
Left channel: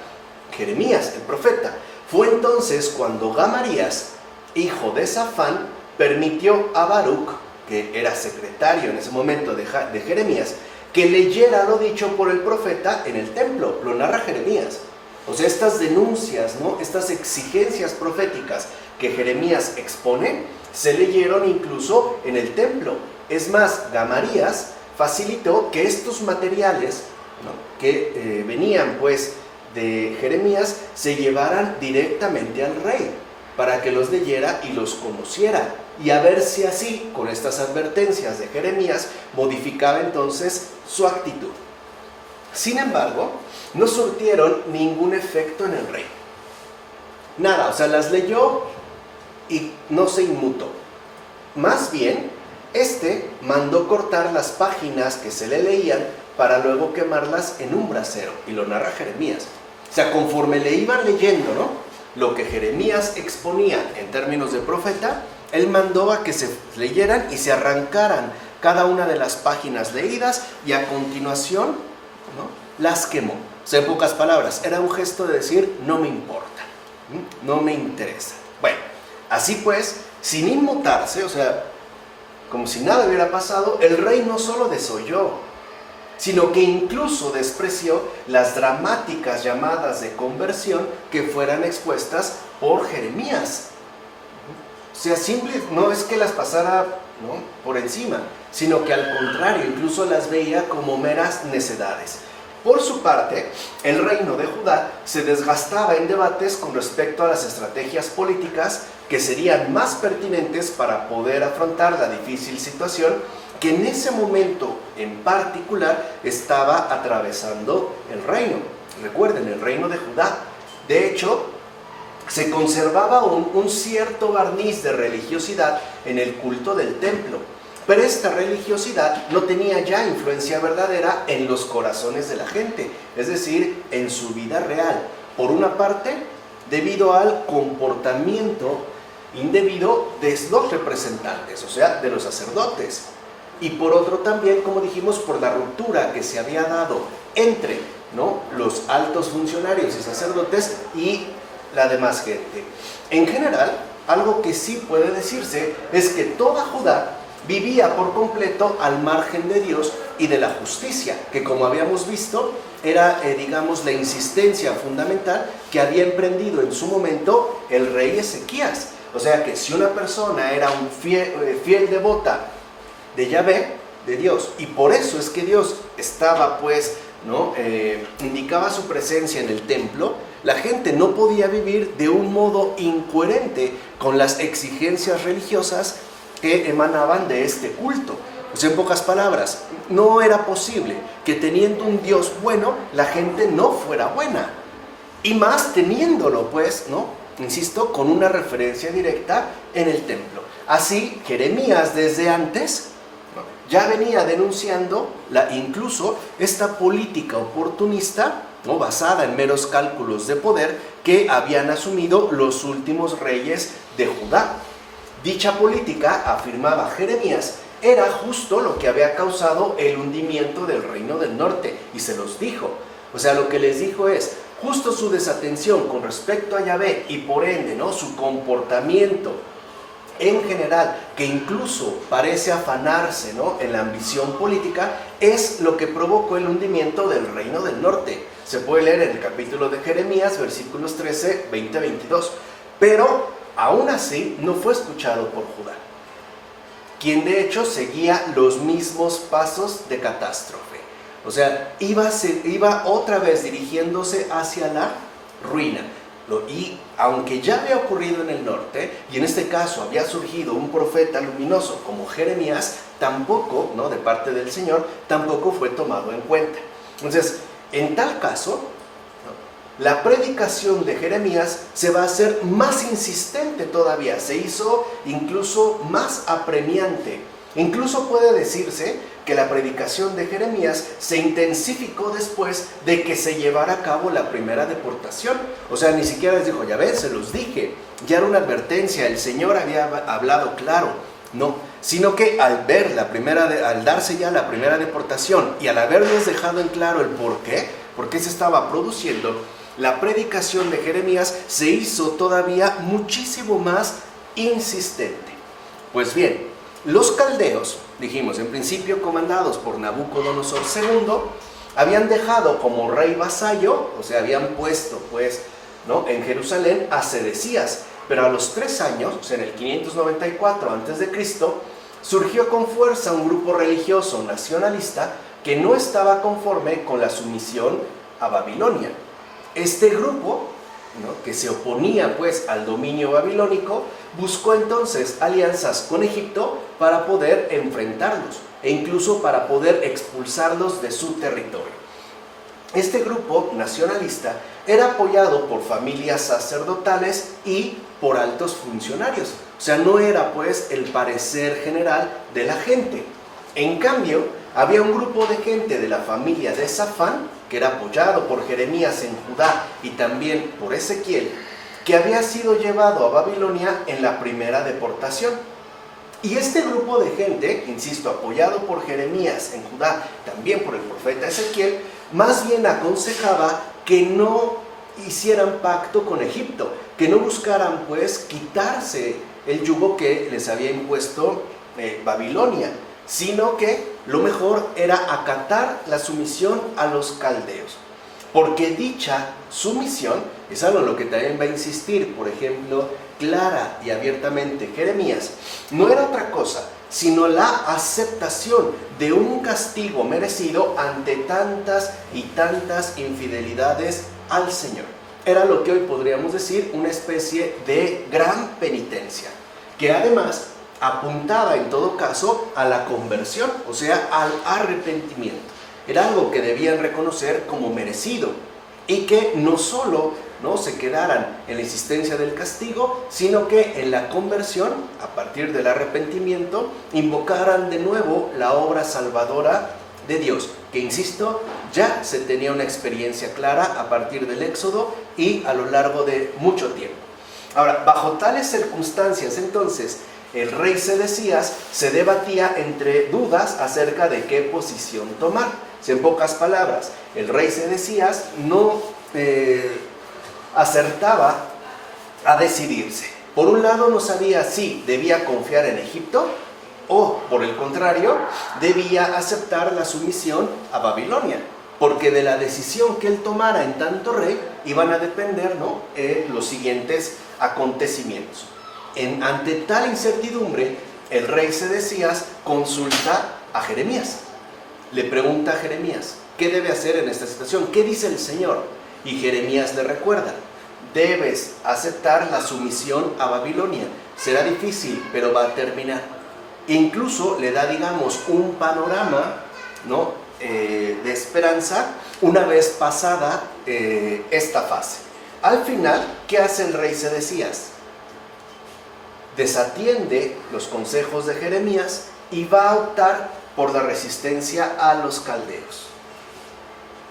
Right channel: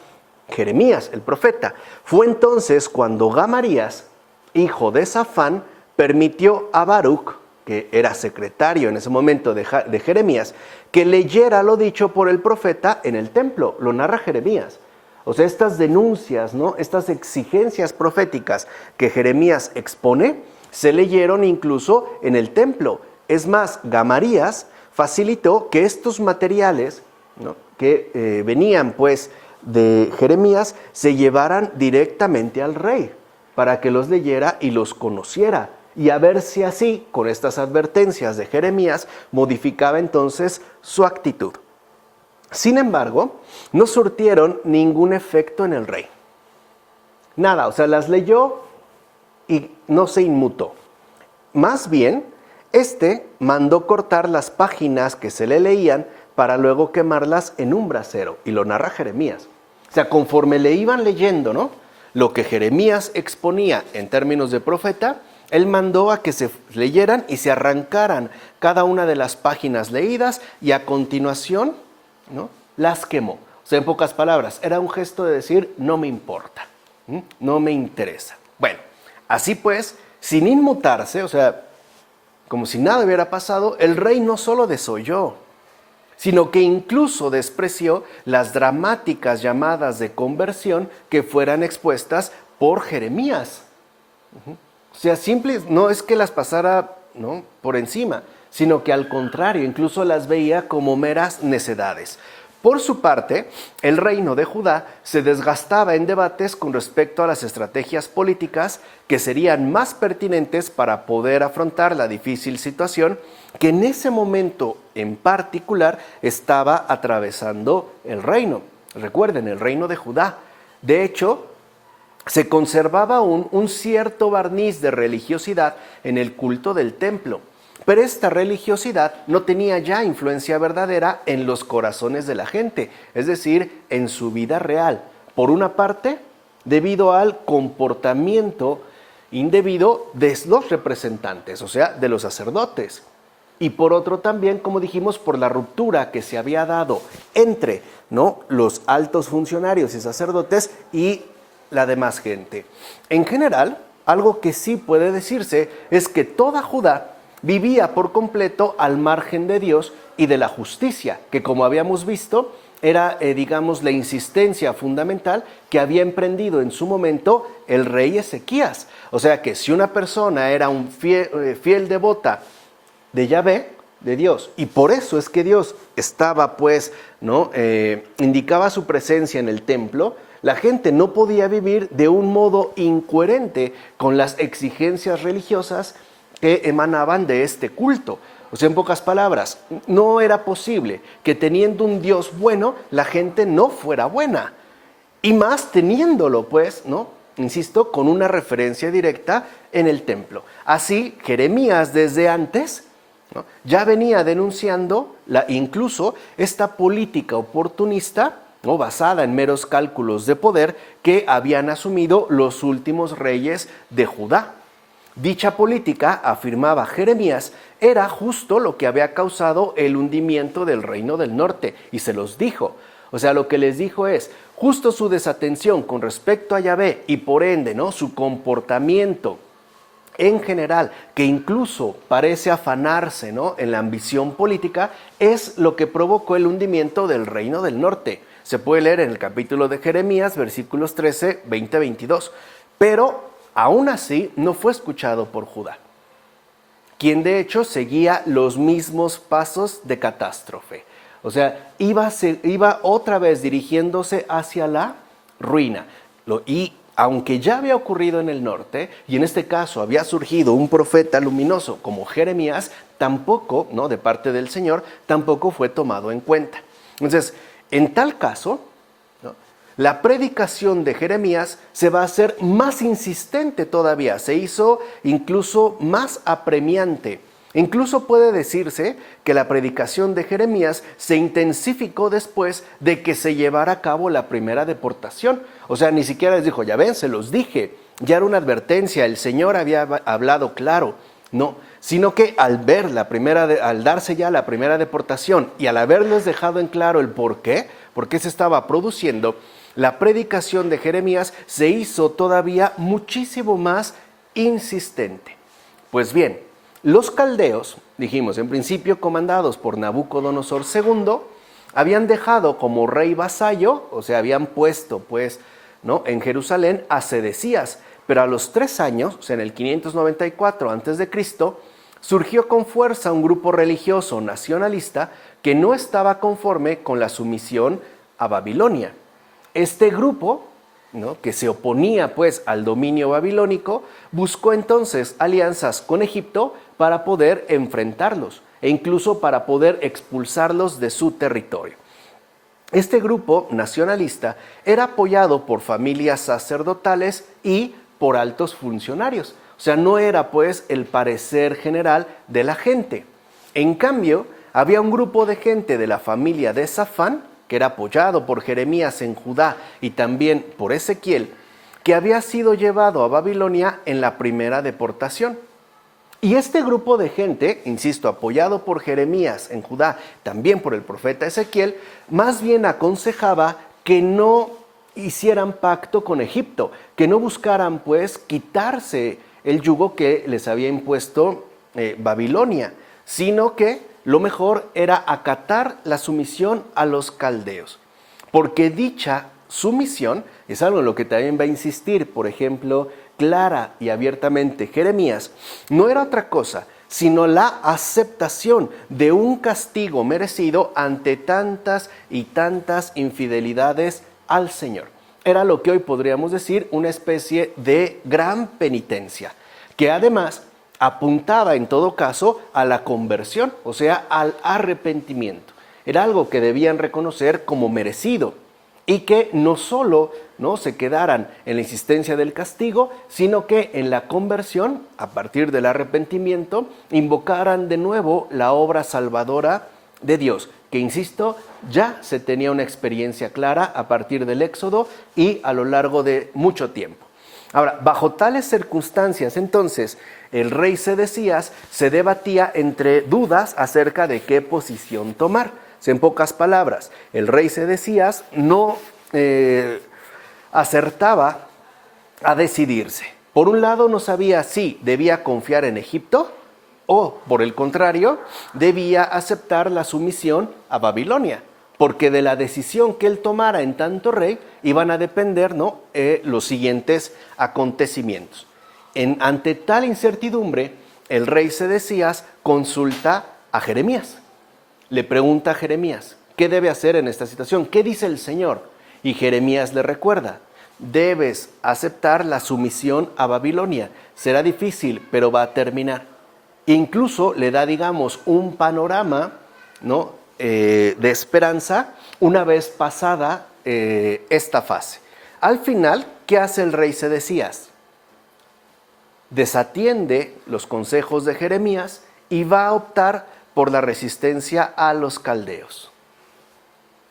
Jeremías, el profeta. Fue entonces cuando Gamarías, hijo de Safán, permitió a Baruc, que era secretario en ese momento de Jeremías, que leyera lo dicho por el profeta en el templo. Lo narra Jeremías. O sea, estas denuncias, ¿no?, estas exigencias proféticas que Jeremías expone, se leyeron incluso en el templo. Es más, Gamarías facilitó que estos materiales, ¿no?, que venían pues de Jeremías, se llevaran directamente al rey, para que los leyera y los conociera, y a ver si así, con estas advertencias de Jeremías, modificaba entonces su actitud. Sin embargo, no surtieron ningún efecto en el rey. Nada, o sea, las leyó y no se inmutó. Más bien, mandó cortar las páginas que se le leían para luego quemarlas en un brasero, y lo narra Jeremías. O sea, conforme le iban leyendo, ¿no?, lo que Jeremías exponía en términos de profeta, él mandó a que se leyeran y se arrancaran cada una de las páginas leídas y a continuación, ¿no?, las quemó. O sea, en pocas palabras, era un gesto de decir, no me importa, no me interesa. Bueno, así pues, sin inmutarse, o sea, como si nada hubiera pasado, el rey no solo desoyó, sino que incluso despreció las dramáticas llamadas de conversión que fueran expuestas por Jeremías. O sea, no es que las pasara, ¿no?, por encima, sino que al contrario, incluso las veía como meras necedades. Por su parte, el reino de Judá se desgastaba en debates con respecto a las estrategias políticas que serían más pertinentes para poder afrontar la difícil situación que en ese momento en particular estaba atravesando el reino. Recuerden, el reino de Judá. De hecho, se conservaba aún un cierto barniz de religiosidad en el culto del templo, pero esta religiosidad no tenía ya influencia verdadera en los corazones de la gente, es decir, en su vida real. Por una parte, debido al comportamiento indebido de los representantes, o sea, de los sacerdotes. Y por otro también, como dijimos, por la ruptura que se había dado entre, ¿no?, los altos funcionarios y sacerdotes y la demás gente. En general, algo que sí puede decirse es que toda Judá vivía por completo al margen de Dios y de la justicia, que como habíamos visto, era, digamos, la insistencia fundamental que había emprendido en su momento el rey Ezequías. O sea que si una persona era un fiel devota de Yahvé, de Dios, y por eso es que Dios estaba, pues, ¿no?, indicaba su presencia en el templo, la gente no podía vivir de un modo incoherente con las exigencias religiosas que emanaban de este culto. O sea, en pocas palabras, no era posible que teniendo un Dios bueno, la gente no fuera buena. Y más teniéndolo, pues, ¿no?, insisto, con una referencia directa en el templo. Así, Jeremías desde antes, ¿no?, ya venía denunciando incluso esta política oportunista, ¿no?, basada en meros cálculos de poder que habían asumido los últimos reyes de Judá. Dicha política, afirmaba Jeremías, era justo lo que había causado el hundimiento del reino del norte, y se los dijo. O sea, lo que les dijo es, justo su desatención con respecto a Yahvé y por ende, ¿no?, su comportamiento en general, que incluso parece afanarse, ¿no?, en la ambición política, es lo que provocó el hundimiento del reino del norte. Se puede leer en el capítulo de Jeremías, versículos 13, 20, 22. Pero aún así no fue escuchado por Judá, quien de hecho seguía los mismos pasos de catástrofe. O sea, iba otra vez dirigiéndose hacia la ruina. Y aunque ya había ocurrido en el norte, y en este caso había surgido un profeta luminoso como Jeremías, tampoco, ¿no?, de parte del Señor, tampoco fue tomado en cuenta. Entonces, en tal caso, ¿no?, la predicación de Jeremías se va a hacer más insistente todavía, se hizo incluso más apremiante. Incluso puede decirse que la predicación de Jeremías se intensificó después de que se llevara a cabo la primera deportación. O sea, ni siquiera les dijo, ya ven, se los dije, ya era una advertencia, el Señor había hablado claro. No, sino que al darse ya la primera deportación y al haberles dejado en claro el por qué se estaba produciendo, la predicación de Jeremías se hizo todavía muchísimo más insistente. Pues bien, los caldeos, dijimos, en principio comandados por Nabucodonosor II, habían dejado como rey vasallo, o sea, habían puesto, pues, ¿no?, en Jerusalén a Sedecías, pero a los 3 años, o sea, en el 594 a.C., surgió con fuerza un grupo religioso nacionalista que no estaba conforme con la sumisión a Babilonia. Este grupo, ¿no?, que se oponía pues al dominio babilónico, buscó entonces alianzas con Egipto para poder enfrentarlos e incluso para poder expulsarlos de su territorio. Este grupo nacionalista era apoyado por familias sacerdotales y por altos funcionarios. O sea, no era pues el parecer general de la gente. En cambio, había un grupo de gente de la familia de Safán, que era apoyado por Jeremías en Judá y también por Ezequiel, que había sido llevado a Babilonia en la primera deportación. Y este grupo de gente, insisto, apoyado por Jeremías en Judá, también por el profeta Ezequiel, más bien aconsejaba que no hicieran pacto con Egipto, que no buscaran pues quitarse el yugo que les había impuesto Babilonia, sino que lo mejor era acatar la sumisión a los caldeos, porque dicha sumisión es algo en lo que también va a insistir, por ejemplo, clara y abiertamente Jeremías, no era otra cosa sino la aceptación de un castigo merecido ante tantas y tantas infidelidades al Señor. Era lo que hoy podríamos decir una especie de gran penitencia, que además apuntaba en todo caso a la conversión, o sea, al arrepentimiento. Era algo que debían reconocer como merecido y que no solo no se quedaran en la existencia del castigo, sino que en la conversión, a partir del arrepentimiento, invocaran de nuevo la obra salvadora de Dios, que insisto, ya se tenía una experiencia clara a partir del Éxodo y a lo largo de mucho tiempo. Ahora, bajo tales circunstancias, entonces, el rey Sedecías se debatía entre dudas acerca de qué posición tomar. En pocas palabras, el rey Sedecías no acertaba a decidirse. Por un lado, no sabía si debía confiar en Egipto o, por el contrario, debía aceptar la sumisión a Babilonia, porque de la decisión que él tomara en tanto rey iban a depender, ¿no?, los siguientes acontecimientos. Ante tal incertidumbre, el rey Sedecías consulta a Jeremías. Le pregunta a Jeremías, ¿qué debe hacer en esta situación? ¿Qué dice el Señor? Y Jeremías le recuerda, debes aceptar la sumisión a Babilonia. Será difícil, pero va a terminar. Incluso le da, digamos, un panorama, ¿no?, de esperanza una vez pasada esta fase. Al final, ¿qué hace el rey Sedecías? Desatiende los consejos de Jeremías y va a optar por la resistencia a los caldeos.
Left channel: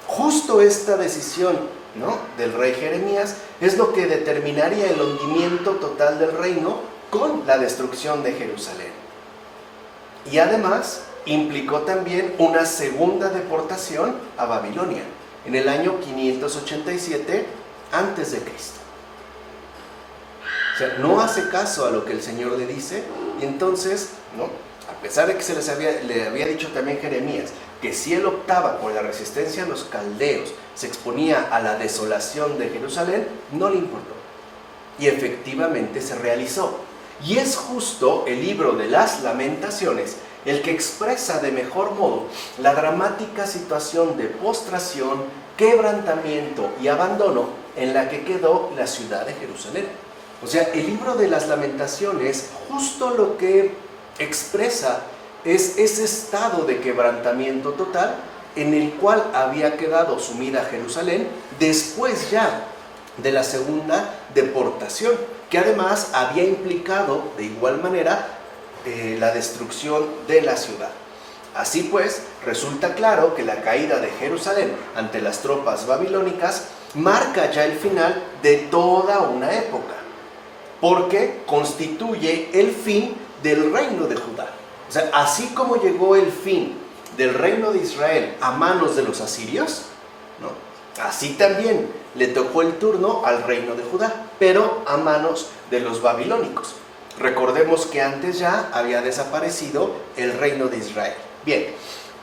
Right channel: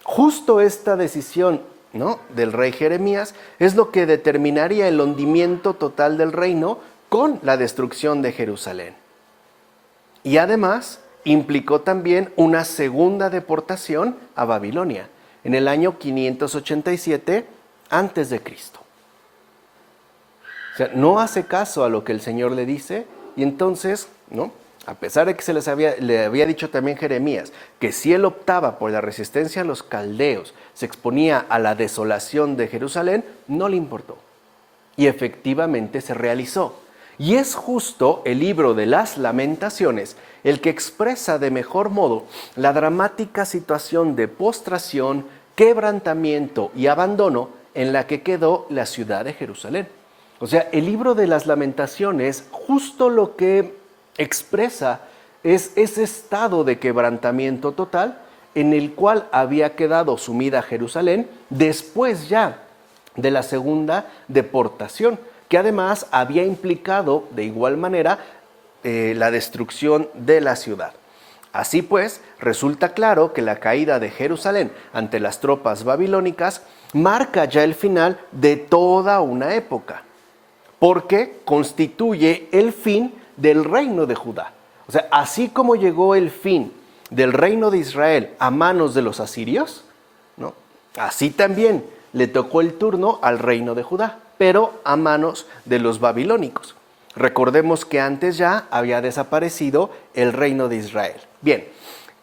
Justo esta decisión, ¿no?, del rey Jeremías es lo que determinaría el hundimiento total del reino con la destrucción de Jerusalén. Y además implicó también una segunda deportación a Babilonia en el año 587 antes de Cristo. O sea, no hace caso a lo que el Señor le dice y entonces, ¿no?, a pesar de que le había dicho también Jeremías que si él optaba por la resistencia a los caldeos, se exponía a la desolación de Jerusalén, no le importó. Y efectivamente se realizó. Y es justo el libro de las Lamentaciones el que expresa de mejor modo la dramática situación de postración, quebrantamiento y abandono en la que quedó la ciudad de Jerusalén. O sea, el libro de las Lamentaciones justo lo que expresa es ese estado de quebrantamiento total en el cual había quedado sumida Jerusalén después ya de la segunda deportación, que además había implicado de igual manera la destrucción de la ciudad. Así pues, resulta claro que la caída de Jerusalén ante las tropas babilónicas marca ya el final de toda una época, porque constituye el fin del reino de Judá. O sea, así como llegó el fin del reino de Israel a manos de los asirios, ¿no?, así también le tocó el turno al reino de Judá, pero a manos de los babilónicos. Recordemos que antes ya había desaparecido el reino de Israel. Bien,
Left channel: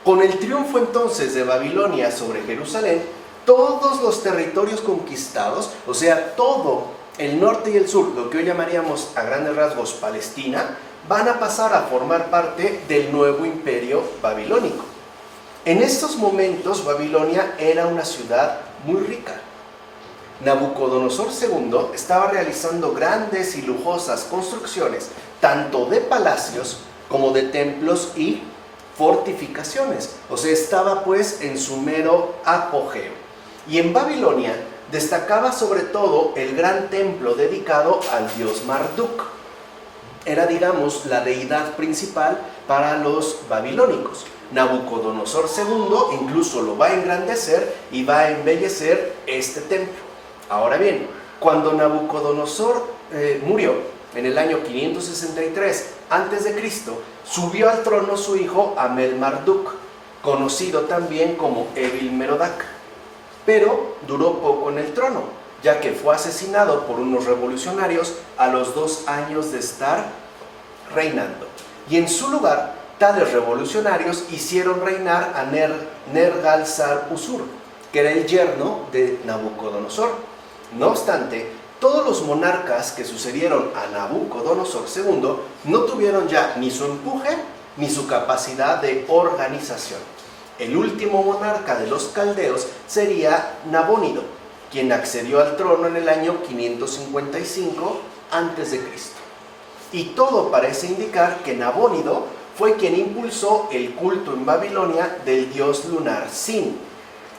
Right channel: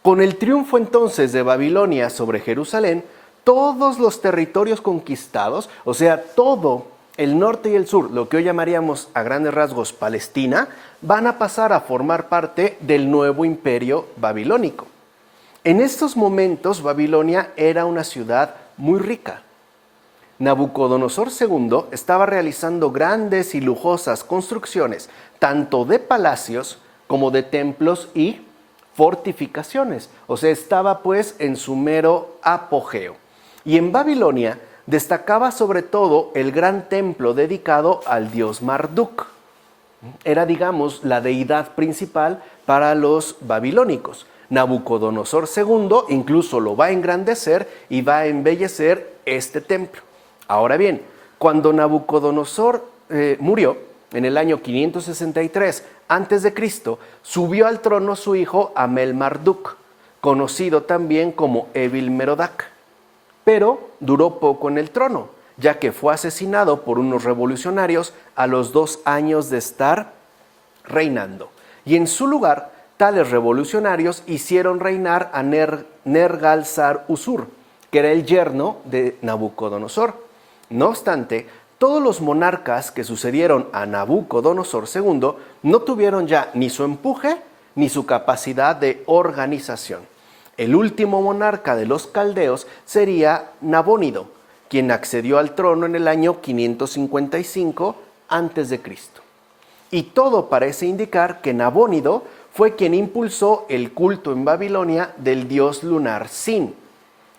con el triunfo entonces de Babilonia sobre Jerusalén, todos los territorios conquistados, o sea, todo el norte y el sur, lo que hoy llamaríamos a grandes rasgos Palestina, van a pasar a formar parte del nuevo imperio babilónico. En estos momentos, Babilonia era una ciudad muy rica. Nabucodonosor II estaba realizando grandes y lujosas construcciones, tanto de palacios como de templos y fortificaciones. O sea, estaba pues en su mero apogeo. Y en Babilonia destacaba sobre todo el gran templo dedicado al dios Marduk. Era, digamos, la deidad principal para los babilónicos. Nabucodonosor II incluso lo va a engrandecer y va a embellecer este templo. Ahora bien, cuando Nabucodonosor murió en el año 563 a.C., subió al trono su hijo Amel-Marduk, conocido también como Evil-Merodach. Pero duró poco en el trono, ya que fue asesinado por unos revolucionarios a los 2 años de estar reinando. Y en su lugar, tales revolucionarios hicieron reinar a Nergal-Sar-Usur, que era el yerno de Nabucodonosor. No obstante, todos los monarcas que sucedieron a Nabucodonosor II no tuvieron ya ni su empuje ni su capacidad de organización. El último monarca de los caldeos sería Nabónido, quien accedió al trono en el año 555 a.C. Y todo parece indicar que Nabónido fue quien impulsó el culto en Babilonia del dios lunar Sin,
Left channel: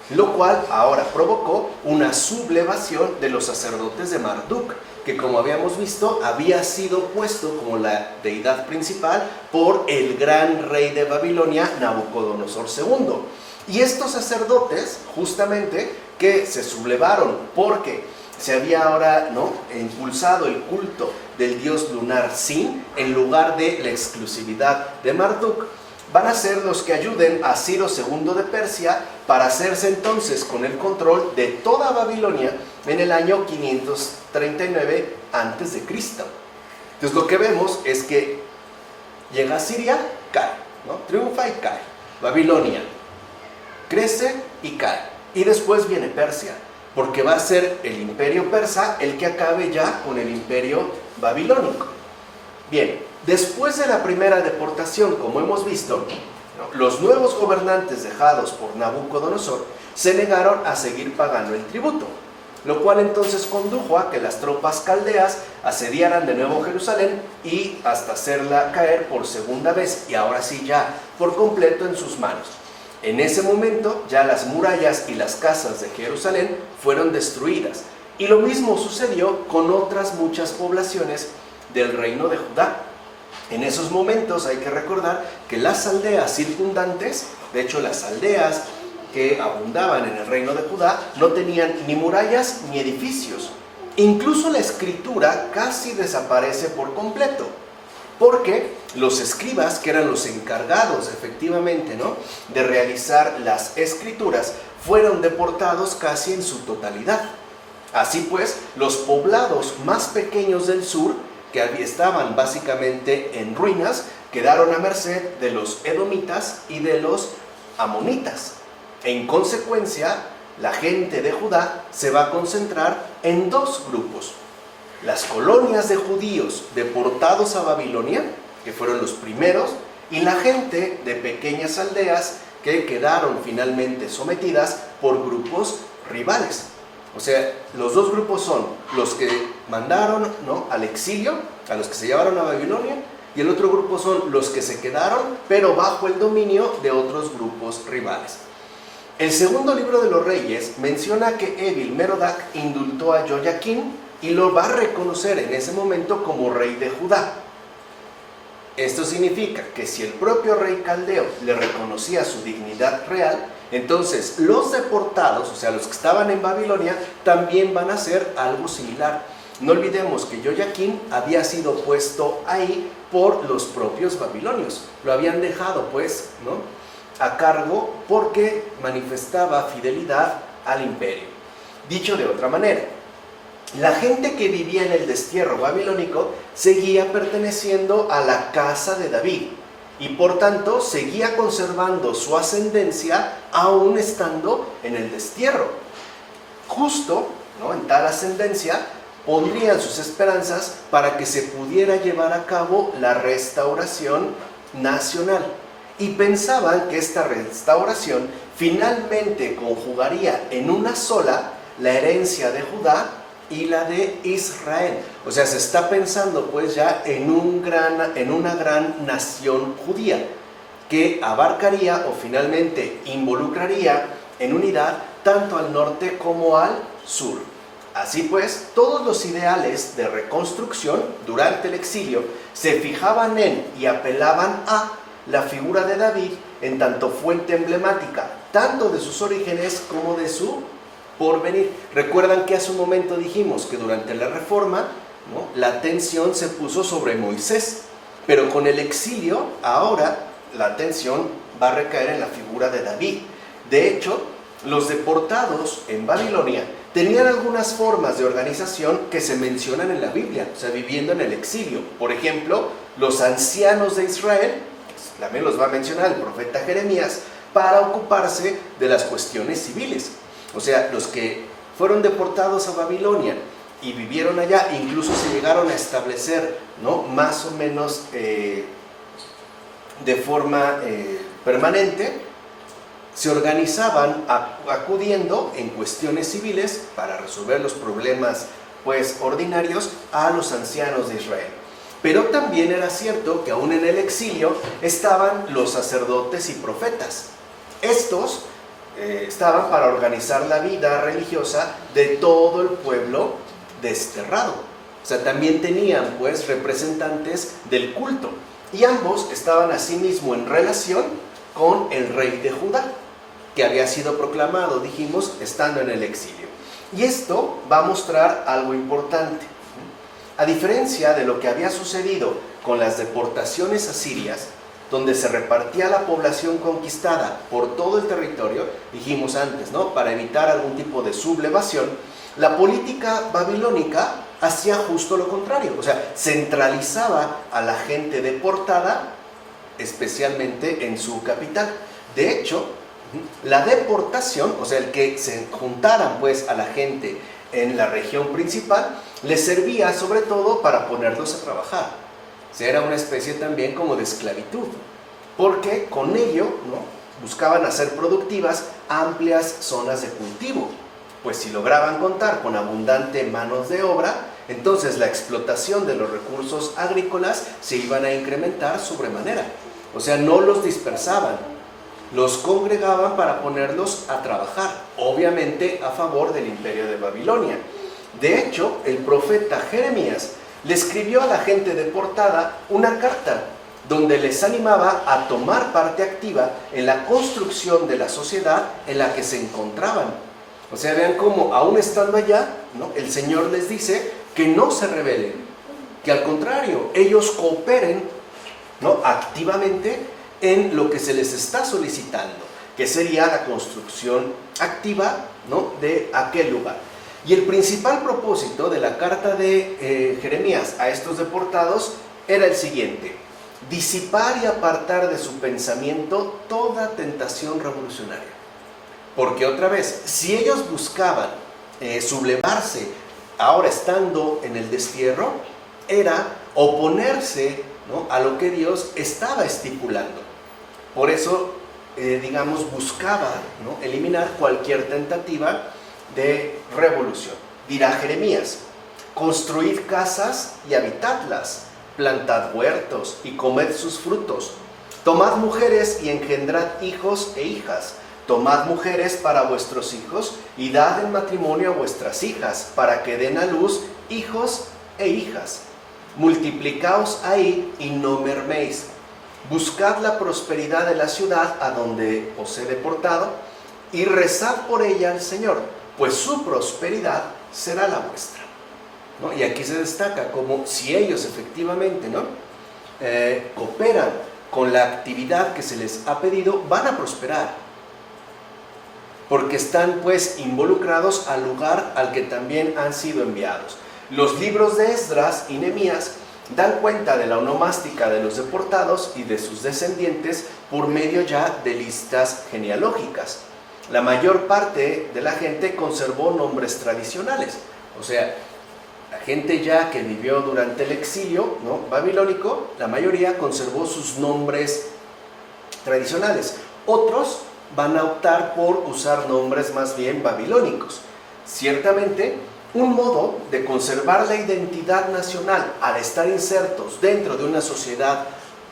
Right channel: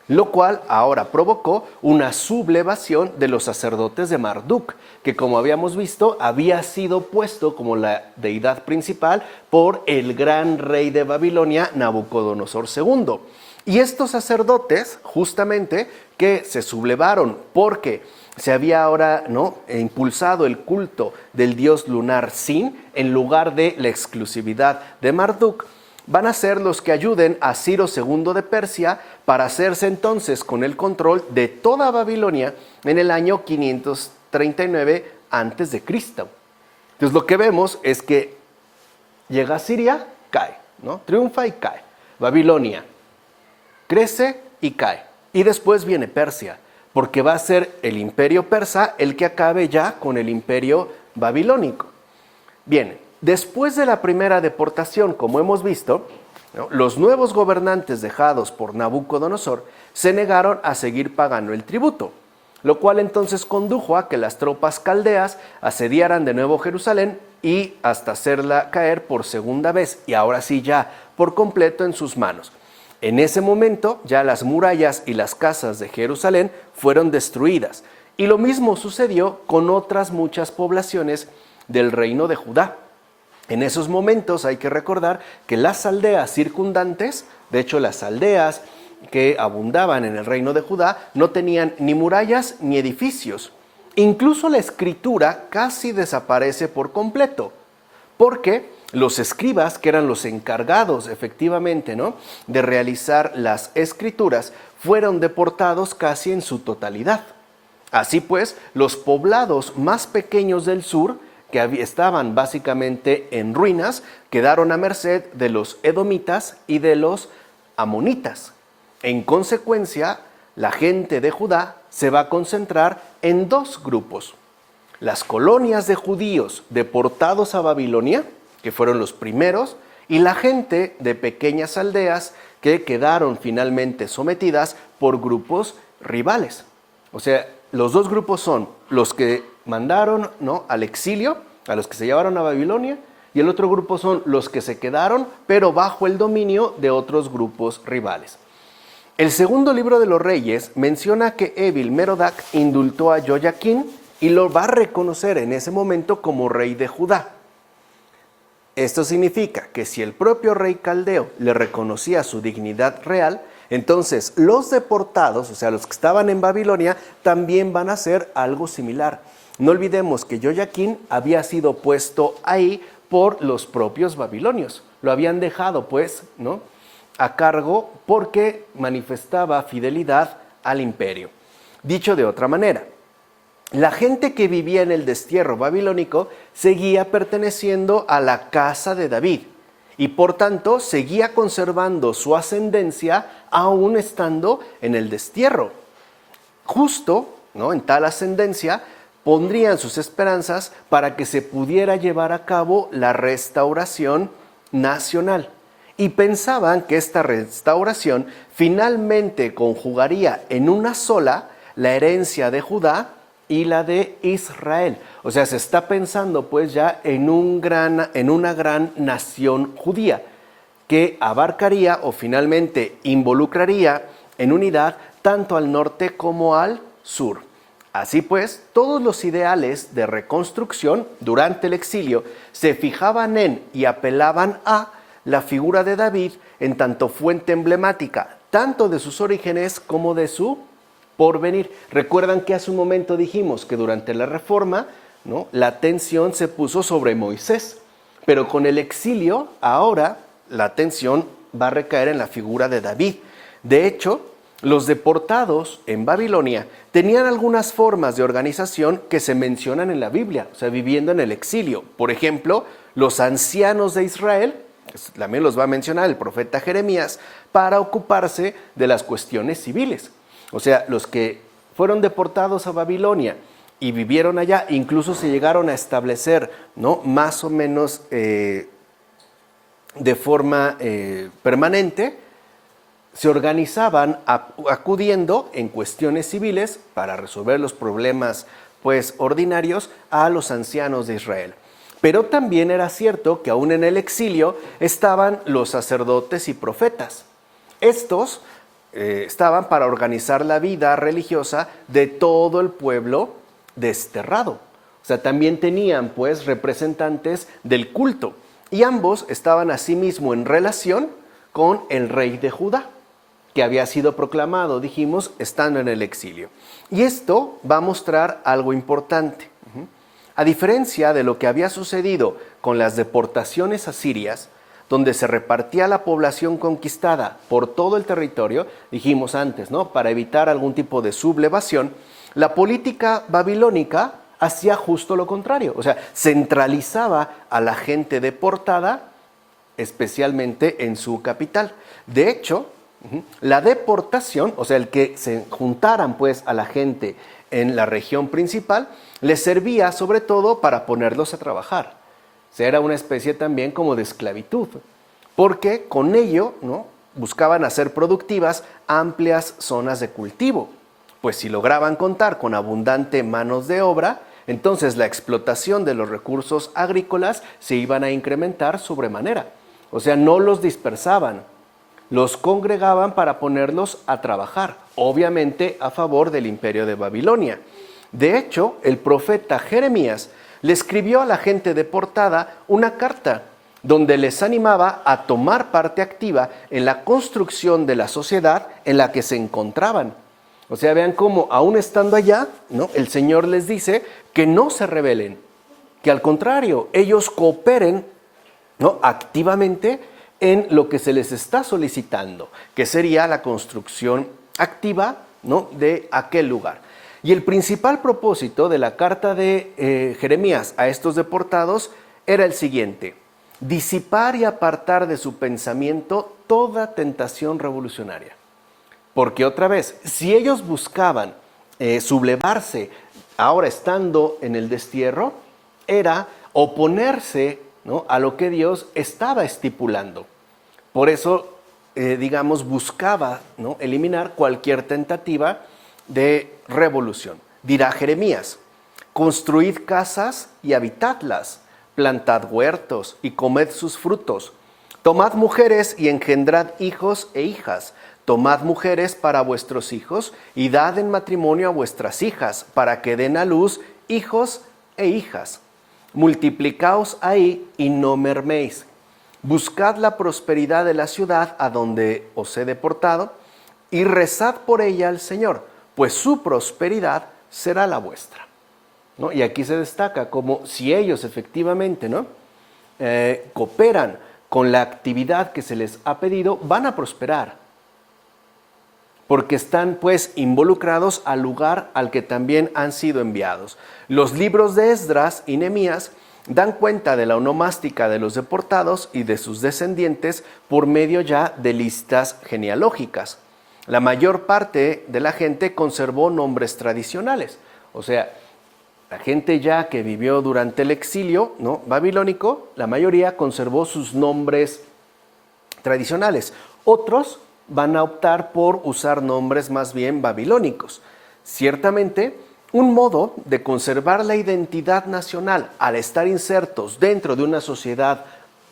lo cual ahora provocó una sublevación de los sacerdotes de Marduk, que como habíamos visto había sido puesto como la deidad principal por el gran rey de Babilonia, Nabucodonosor II. Y estos sacerdotes, justamente, que se sublevaron porque se había ahora, ¿no?, impulsado el culto del dios lunar Sin en lugar de la exclusividad de Marduk, van a ser los que ayuden a Ciro II de Persia para hacerse entonces con el control de toda Babilonia en el año 539 a.C. Entonces lo que vemos es que llega a Siria, cae, ¿no?, triunfa y cae. Babilonia crece y cae. Y después viene Persia, porque va a ser el imperio persa el que acabe ya con el imperio babilónico. Bien, después de la primera deportación, como hemos visto, ¿no?, los nuevos gobernantes dejados por Nabucodonosor se negaron a seguir pagando el tributo, lo cual entonces condujo a que las tropas caldeas asediaran de nuevo Jerusalén y hasta hacerla caer por segunda vez, y ahora sí ya por completo en sus manos. En ese momento ya las murallas y las casas de Jerusalén fueron destruidas Y lo mismo sucedió con otras muchas poblaciones del reino de Judá. En esos momentos hay que recordar que las aldeas circundantes, de hecho las aldeas que abundaban en el reino de Judá, no tenían ni murallas ni edificios. Incluso la escritura casi desaparece por completo, porque los escribas, que eran los encargados efectivamente, ¿no?, de realizar las escrituras, fueron deportados casi en su totalidad. Así pues, los poblados más pequeños del sur, que estaban básicamente en ruinas, quedaron a merced de los edomitas y de los amonitas. En consecuencia, la gente de Judá se va a concentrar en dos grupos: las colonias de judíos deportados a Babilonia, que fueron los primeros, y la gente de pequeñas aldeas que quedaron finalmente sometidas por grupos rivales. O sea, los dos grupos son los que mandaron, ¿no?, al exilio, a los que se llevaron a Babilonia, y el otro grupo son los que se quedaron, pero bajo el dominio de otros grupos rivales. El segundo libro de los Reyes menciona que Evil-Merodach indultó a Joyaquín y lo va a reconocer en ese momento como rey de Judá. Esto significa que si el propio rey caldeo le reconocía su dignidad real, entonces los deportados, o sea, los que estaban en Babilonia, también van a hacer algo similar. No olvidemos que Joyaquín había sido puesto ahí por los propios babilonios. Lo habían dejado, pues, ¿no?, a cargo porque manifestaba fidelidad al imperio. Dicho de otra manera, la gente que vivía en el destierro babilónico seguía perteneciendo a la casa de David y por tanto seguía conservando su ascendencia aún estando en el destierro. Justo, ¿no?, en tal ascendencia pondrían sus esperanzas para que se pudiera llevar a cabo la restauración nacional. Y pensaban que esta restauración finalmente conjugaría en una sola la herencia de Judá y la de Israel. O sea, se está pensando pues ya en una gran nación judía que abarcaría o finalmente involucraría en unidad tanto al norte como al sur. Así pues, todos los ideales de reconstrucción durante el exilio se fijaban en y apelaban a la figura de David en tanto fuente emblemática, tanto de sus orígenes como de su porvenir. Recuerdan que hace un momento dijimos que durante la Reforma, ¿no?, la atención se puso sobre Moisés, pero con el exilio ahora la atención va a recaer en la figura de David. De hecho, los deportados en Babilonia tenían algunas formas de organización que se mencionan en la Biblia, o sea, viviendo en el exilio. Por ejemplo, los ancianos de Israel, también los va a mencionar el profeta Jeremías, para ocuparse de las cuestiones civiles. O sea, los que fueron deportados a Babilonia y vivieron allá, incluso se llegaron a establecer, ¿no?, más o menos de forma permanente, se organizaban acudiendo en cuestiones civiles para resolver los problemas pues ordinarios a los ancianos de Israel. Pero también era cierto que aún en el exilio estaban los sacerdotes y profetas. Estos estaban para organizar la vida religiosa de todo el pueblo desterrado. O sea, también tenían pues representantes del culto. Y ambos estaban asimismo en relación con el rey de Judá, que había sido proclamado, dijimos, estando en el exilio. Y esto va a mostrar algo importante. A diferencia de lo que había sucedido con las deportaciones asirias, donde se repartía la población conquistada por todo el territorio, dijimos antes, ¿no?, para evitar algún tipo de sublevación, la política babilónica hacía justo lo contrario. O sea, centralizaba a la gente deportada, especialmente en su capital. De hecho, la deportación, o sea, el que se juntaran pues a la gente en la región principal, les servía sobre todo para ponerlos a trabajar. O sea, era una especie también como de esclavitud, porque con ello, ¿no?, buscaban hacer productivas amplias zonas de cultivo. Pues si lograban contar con abundante manos de obra, entonces la explotación de los recursos agrícolas se iban a incrementar sobremanera. O sea, no los dispersaban, los congregaban para ponerlos a trabajar, obviamente a favor del imperio de Babilonia. De hecho, el profeta Jeremías le escribió a la gente deportada una carta donde les animaba a tomar parte activa en la construcción de la sociedad en la que se encontraban. O sea, vean cómo aún estando allá, ¿no?, el Señor les dice que no se rebelen, que al contrario, ellos cooperen, ¿no?, activamente en lo que se les está solicitando, que sería la construcción activa, ¿no?, de aquel lugar. Y el principal propósito de la carta de Jeremías a estos deportados era el siguiente: disipar y apartar de su pensamiento toda tentación revolucionaria. Porque otra vez, si ellos buscaban sublevarse ahora estando en el destierro, era oponerse, ¿no?, a lo que Dios estaba estipulando. Por eso, digamos, buscaba, ¿no?, eliminar cualquier tentativa de revolución. Dirá Jeremías: construid casas y habitadlas, plantad huertos y comed sus frutos, tomad mujeres y engendrad hijos e hijas, tomad mujeres para vuestros hijos y dad en matrimonio a vuestras hijas, para que den a luz hijos e hijas. Multiplicaos ahí y no merméis. Buscad la prosperidad de la ciudad a donde os he deportado y rezad por ella al Señor, pues su prosperidad será la vuestra, ¿no? Y aquí se destaca como si ellos efectivamente, ¿no?, cooperan con la actividad que se les ha pedido, van a prosperar, porque están pues involucrados al lugar al que también han sido enviados. Los libros de Esdras y Nehemías dan cuenta de la onomástica de los deportados y de sus descendientes por medio ya de listas genealógicas. La mayor parte de la gente conservó nombres tradicionales, o sea, la gente ya que vivió durante el exilio, ¿no?, babilónico, la mayoría conservó sus nombres tradicionales. Otros van a optar por usar nombres más bien babilónicos. Ciertamente, un modo de conservar la identidad nacional al estar insertos dentro de una sociedad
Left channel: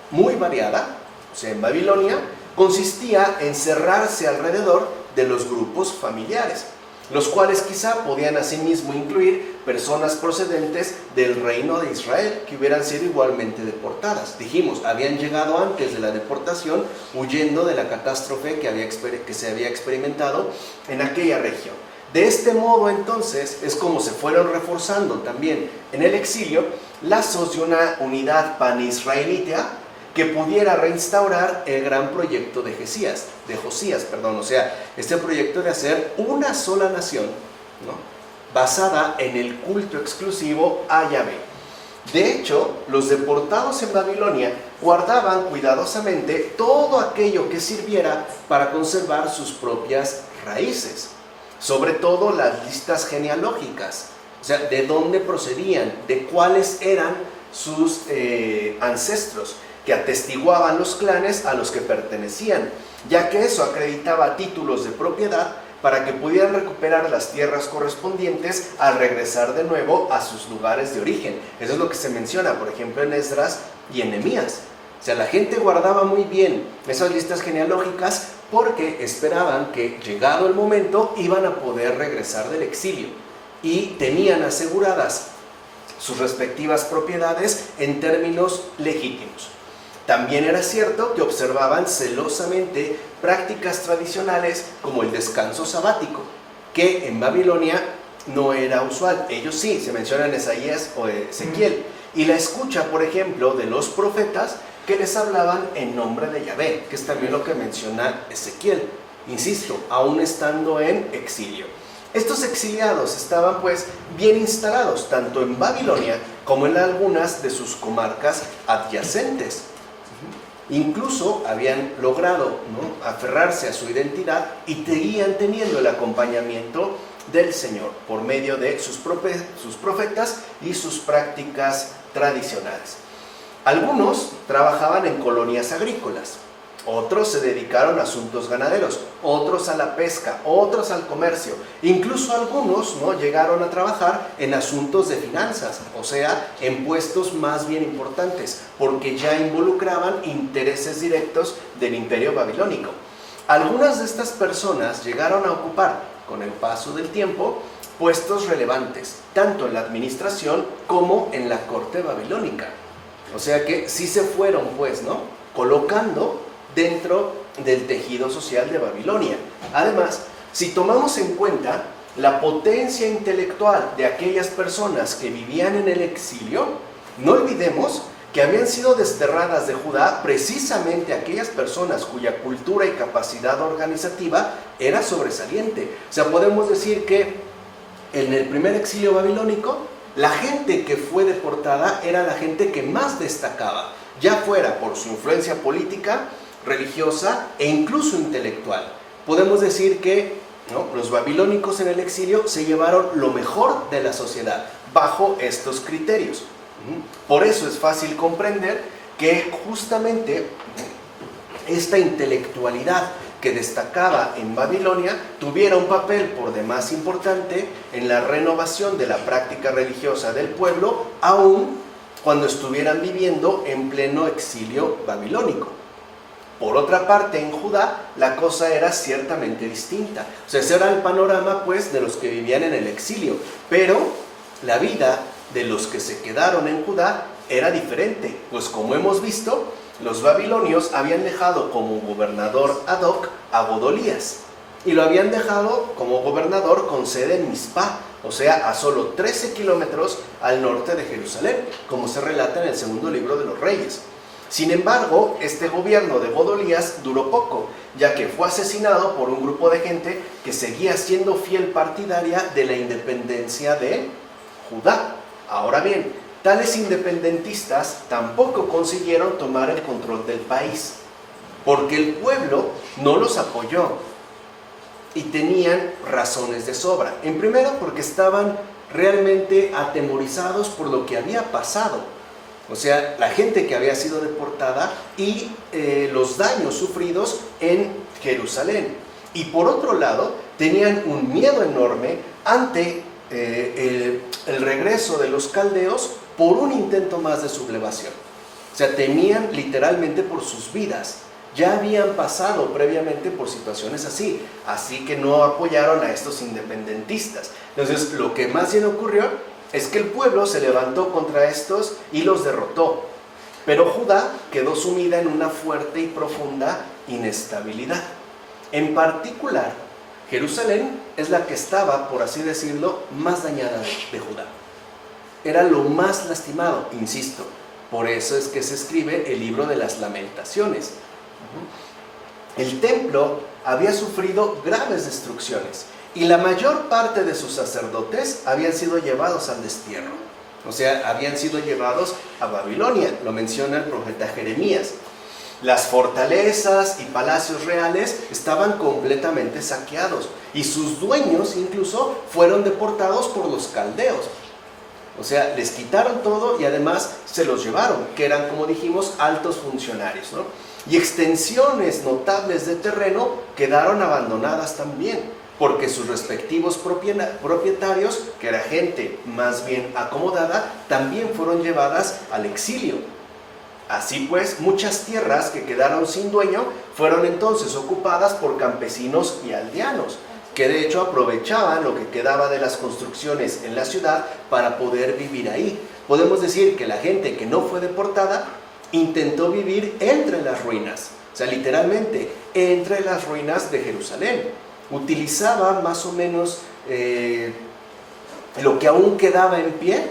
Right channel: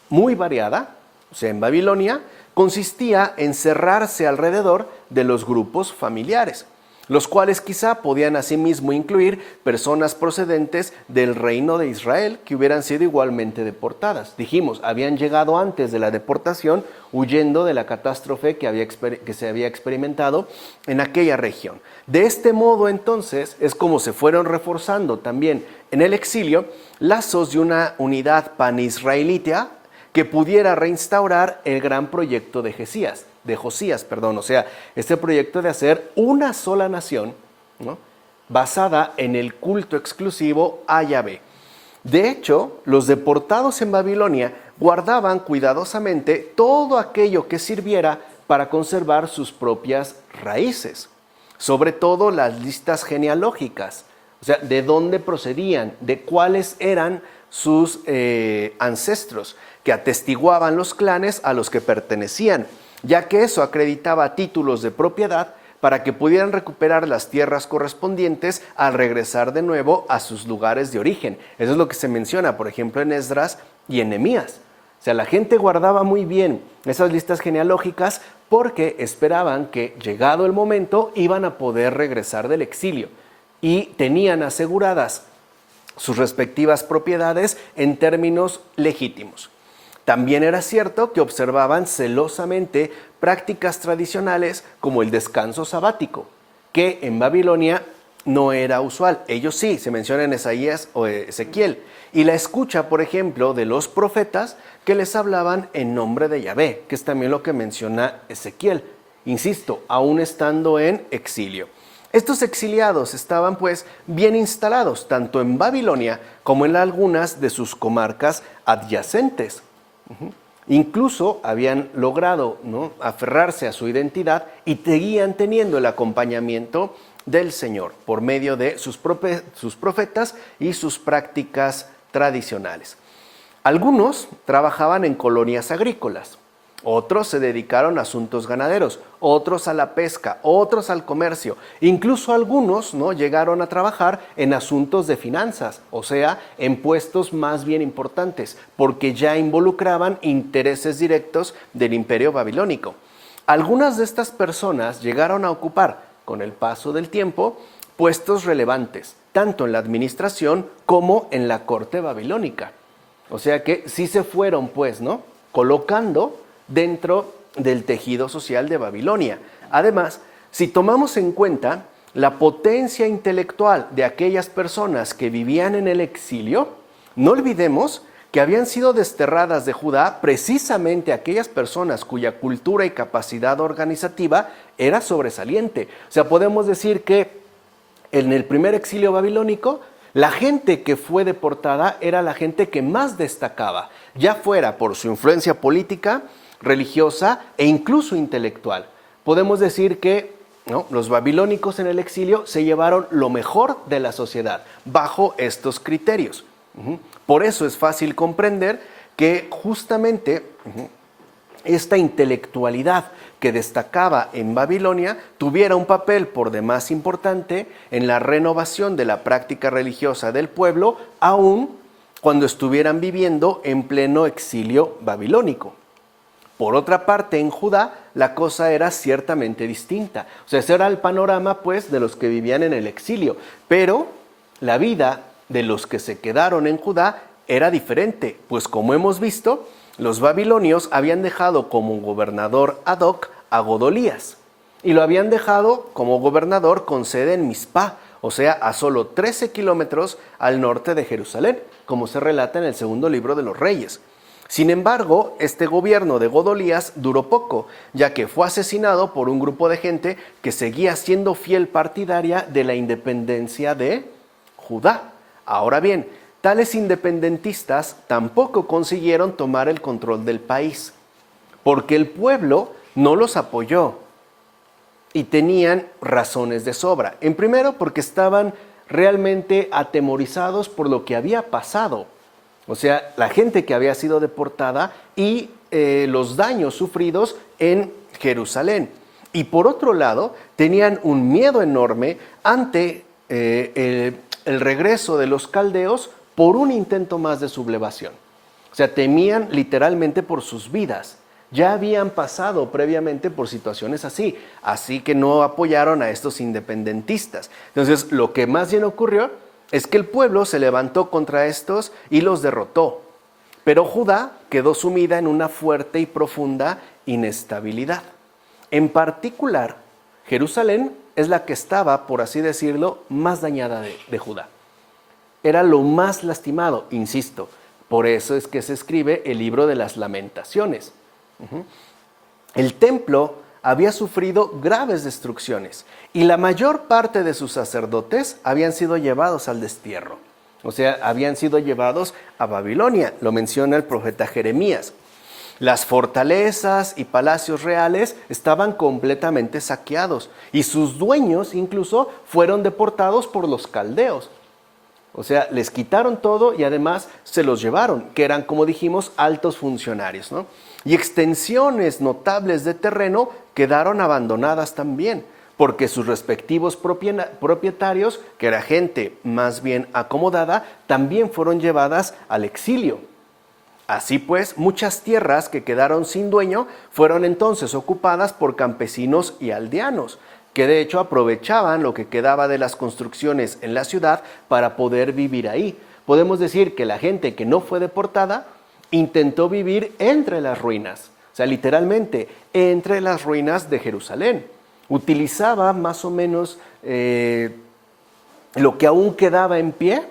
muy variada, o sea, en Babilonia, consistía en cerrarse alrededor de los grupos familiares, los cuales quizá podían asimismo incluir personas procedentes del reino de Israel que hubieran sido igualmente deportadas. Dijimos, habían llegado antes de la deportación huyendo de la catástrofe que se había experimentado en aquella región. De este modo, entonces, es como se fueron reforzando también en el exilio lazos de una unidad panisraelita que pudiera reinstaurar el gran proyecto de Josías, o sea, este proyecto de hacer una sola nación, ¿no?, basada en el culto exclusivo a Yahvé. De hecho, los deportados en Babilonia guardaban cuidadosamente todo aquello que sirviera para conservar sus propias raíces, sobre todo las listas genealógicas, o sea, de dónde procedían, de cuáles eran sus ancestros, que atestiguaban los clanes a los que pertenecían, ya que eso acreditaba títulos de propiedad para que pudieran recuperar las tierras correspondientes al regresar de nuevo a sus lugares de origen. Eso es lo que se menciona, por ejemplo, en Esdras y en Nehemías. O sea, la gente guardaba muy bien esas listas genealógicas porque esperaban que, llegado el momento, iban a poder regresar del exilio y tenían aseguradas sus respectivas propiedades en términos legítimos. También era cierto que observaban celosamente prácticas tradicionales como el descanso sabático, que en Babilonia no era usual. Ellos sí, se menciona en Isaías o Ezequiel. Y la escucha, por ejemplo, de los profetas que les hablaban en nombre de Yahvé, que es también lo que menciona Ezequiel, insisto, aún estando en exilio. Estos exiliados estaban pues bien instalados, tanto en Babilonia como en algunas de sus comarcas adyacentes. Incluso habían logrado, ¿no?, aferrarse a su identidad y seguían teniendo el acompañamiento del Señor por medio de sus profetas y sus prácticas tradicionales. Algunos trabajaban en colonias agrícolas, otros se dedicaron a asuntos ganaderos, otros a la pesca, otros al comercio. Incluso algunos, ¿no?, llegaron a trabajar en asuntos de finanzas, o sea, en puestos más bien importantes, porque ya involucraban intereses directos del imperio babilónico. Algunas de estas personas llegaron a ocupar, con el paso del tiempo, puestos relevantes, tanto en la administración como en la corte babilónica. O sea que sí se fueron, pues, ¿no?, colocando dentro del tejido social de Babilonia. Además, si tomamos en cuenta la potencia intelectual de aquellas personas que vivían en el exilio, no olvidemos que habían sido desterradas de Judá precisamente aquellas personas cuya cultura y capacidad organizativa era sobresaliente. O sea, podemos decir que en el primer exilio babilónico, la gente que fue deportada era la gente que más destacaba, ya fuera por su influencia política, religiosa e incluso intelectual. Podemos decir que, ¿no?, los babilónicos en el exilio se llevaron lo mejor de la sociedad bajo estos criterios. Por eso es fácil comprender que justamente esta intelectualidad que destacaba en Babilonia tuviera un papel por demás importante en la renovación de la práctica religiosa del pueblo, aun cuando estuvieran viviendo en pleno exilio babilónico. Por otra parte, en Judá la cosa era ciertamente distinta. O sea, ese era el panorama, pues, de los que vivían en el exilio. Pero la vida de los que se quedaron en Judá era diferente, pues como hemos visto, los babilonios habían dejado como gobernador ad hoc a Godolías y lo habían dejado como gobernador con sede en Mizpah, o sea, a solo 13 kilómetros al norte de Jerusalén, como se relata en el segundo libro de los Reyes. Sin embargo, este gobierno de Godolías duró poco, ya que fue asesinado por un grupo de gente que seguía siendo fiel partidaria de la independencia de Judá. Ahora bien, tales independentistas tampoco consiguieron tomar el control del país, porque el pueblo no los apoyó y tenían razones de sobra. En primero, porque estaban realmente atemorizados por lo que había pasado. O sea, la gente que había sido deportada y los daños sufridos en Jerusalén. Y por otro lado, tenían un miedo enorme ante el regreso de los caldeos por un intento más de sublevación. O sea, temían literalmente por sus vidas. Ya habían pasado previamente por situaciones así que no apoyaron a estos independentistas. Entonces, lo que más bien ocurrió es que el pueblo se levantó contra estos y los derrotó. Pero Judá quedó sumida en una fuerte y profunda inestabilidad. En particular, Jerusalén es la que estaba, por así decirlo, más dañada de Judá. Era lo más lastimado, insisto. Por eso es que se escribe el libro de las Lamentaciones. El templo había sufrido graves destrucciones y la mayor parte de sus sacerdotes habían sido llevados al destierro. O sea, habían sido llevados a Babilonia, lo menciona el profeta Jeremías. Las fortalezas y palacios reales estaban completamente saqueados y sus dueños incluso fueron deportados por los caldeos. O sea, les quitaron todo y además se los llevaron, que eran, como dijimos, altos funcionarios, ¿no? Y extensiones notables de terreno quedaron abandonadas también, porque sus respectivos propietarios, que era gente más bien acomodada, también fueron llevadas al exilio. Así pues, muchas tierras que quedaron sin dueño fueron entonces ocupadas por campesinos y aldeanos, que de hecho aprovechaban lo que quedaba de las construcciones en la ciudad para poder vivir ahí. Podemos decir que la gente que no fue deportada intentó vivir entre las ruinas, o sea, literalmente, entre las ruinas de Jerusalén. Utilizaba más o menos lo que aún quedaba en pie,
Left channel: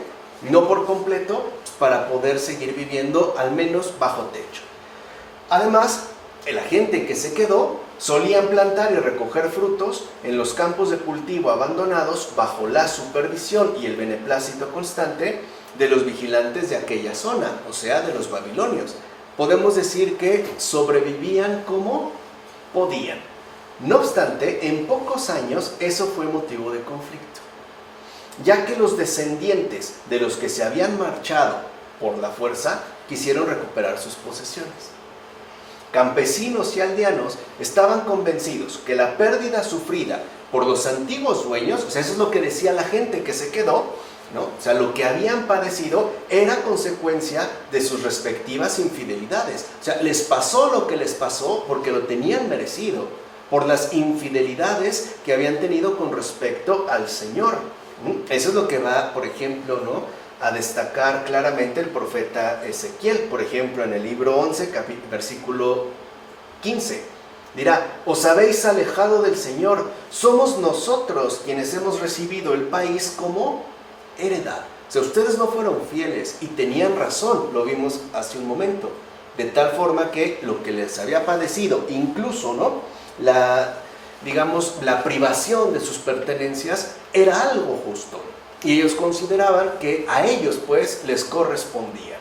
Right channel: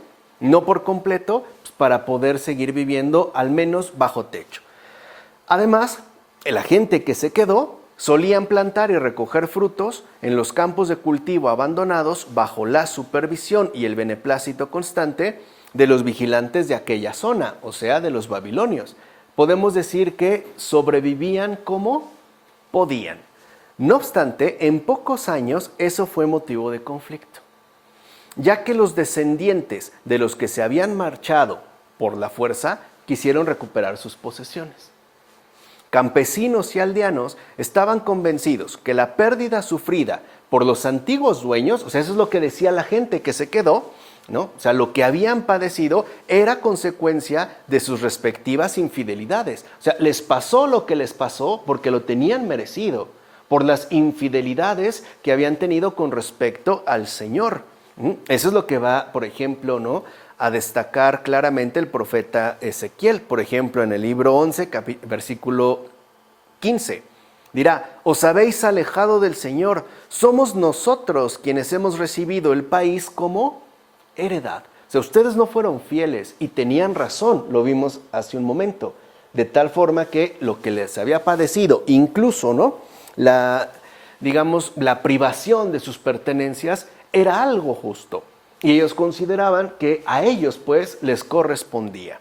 no por completo, para poder seguir viviendo al menos bajo techo. Además, la gente que se quedó solían plantar y recoger frutos en los campos de cultivo abandonados bajo la supervisión y el beneplácito constante de los vigilantes de aquella zona, o sea, de los babilonios. Podemos decir que sobrevivían como podían. No obstante, en pocos años eso fue motivo de conflicto, ya que los descendientes de los que se habían marchado por la fuerza quisieron recuperar sus posesiones. Campesinos y aldeanos estaban convencidos que la pérdida sufrida por los antiguos dueños, o sea, eso es lo que decía la gente que se quedó, ¿no? O sea, lo que habían padecido era consecuencia de sus respectivas infidelidades. O sea, les pasó lo que les pasó porque lo tenían merecido. por las infidelidades que habían tenido con respecto al Señor. Eso es lo que va, por ejemplo, ¿no?, a destacar claramente el profeta Ezequiel. Por ejemplo, en el libro 11, versículo 15, dirá: os habéis alejado del Señor, somos nosotros quienes hemos recibido el país como heredad. O sea, ustedes no fueron fieles y tenían razón, lo vimos hace un momento. De tal forma que lo que les había padecido, incluso, ¿no?, la privación de sus pertenencias, era algo justo. Y ellos consideraban que a ellos, pues, les correspondía.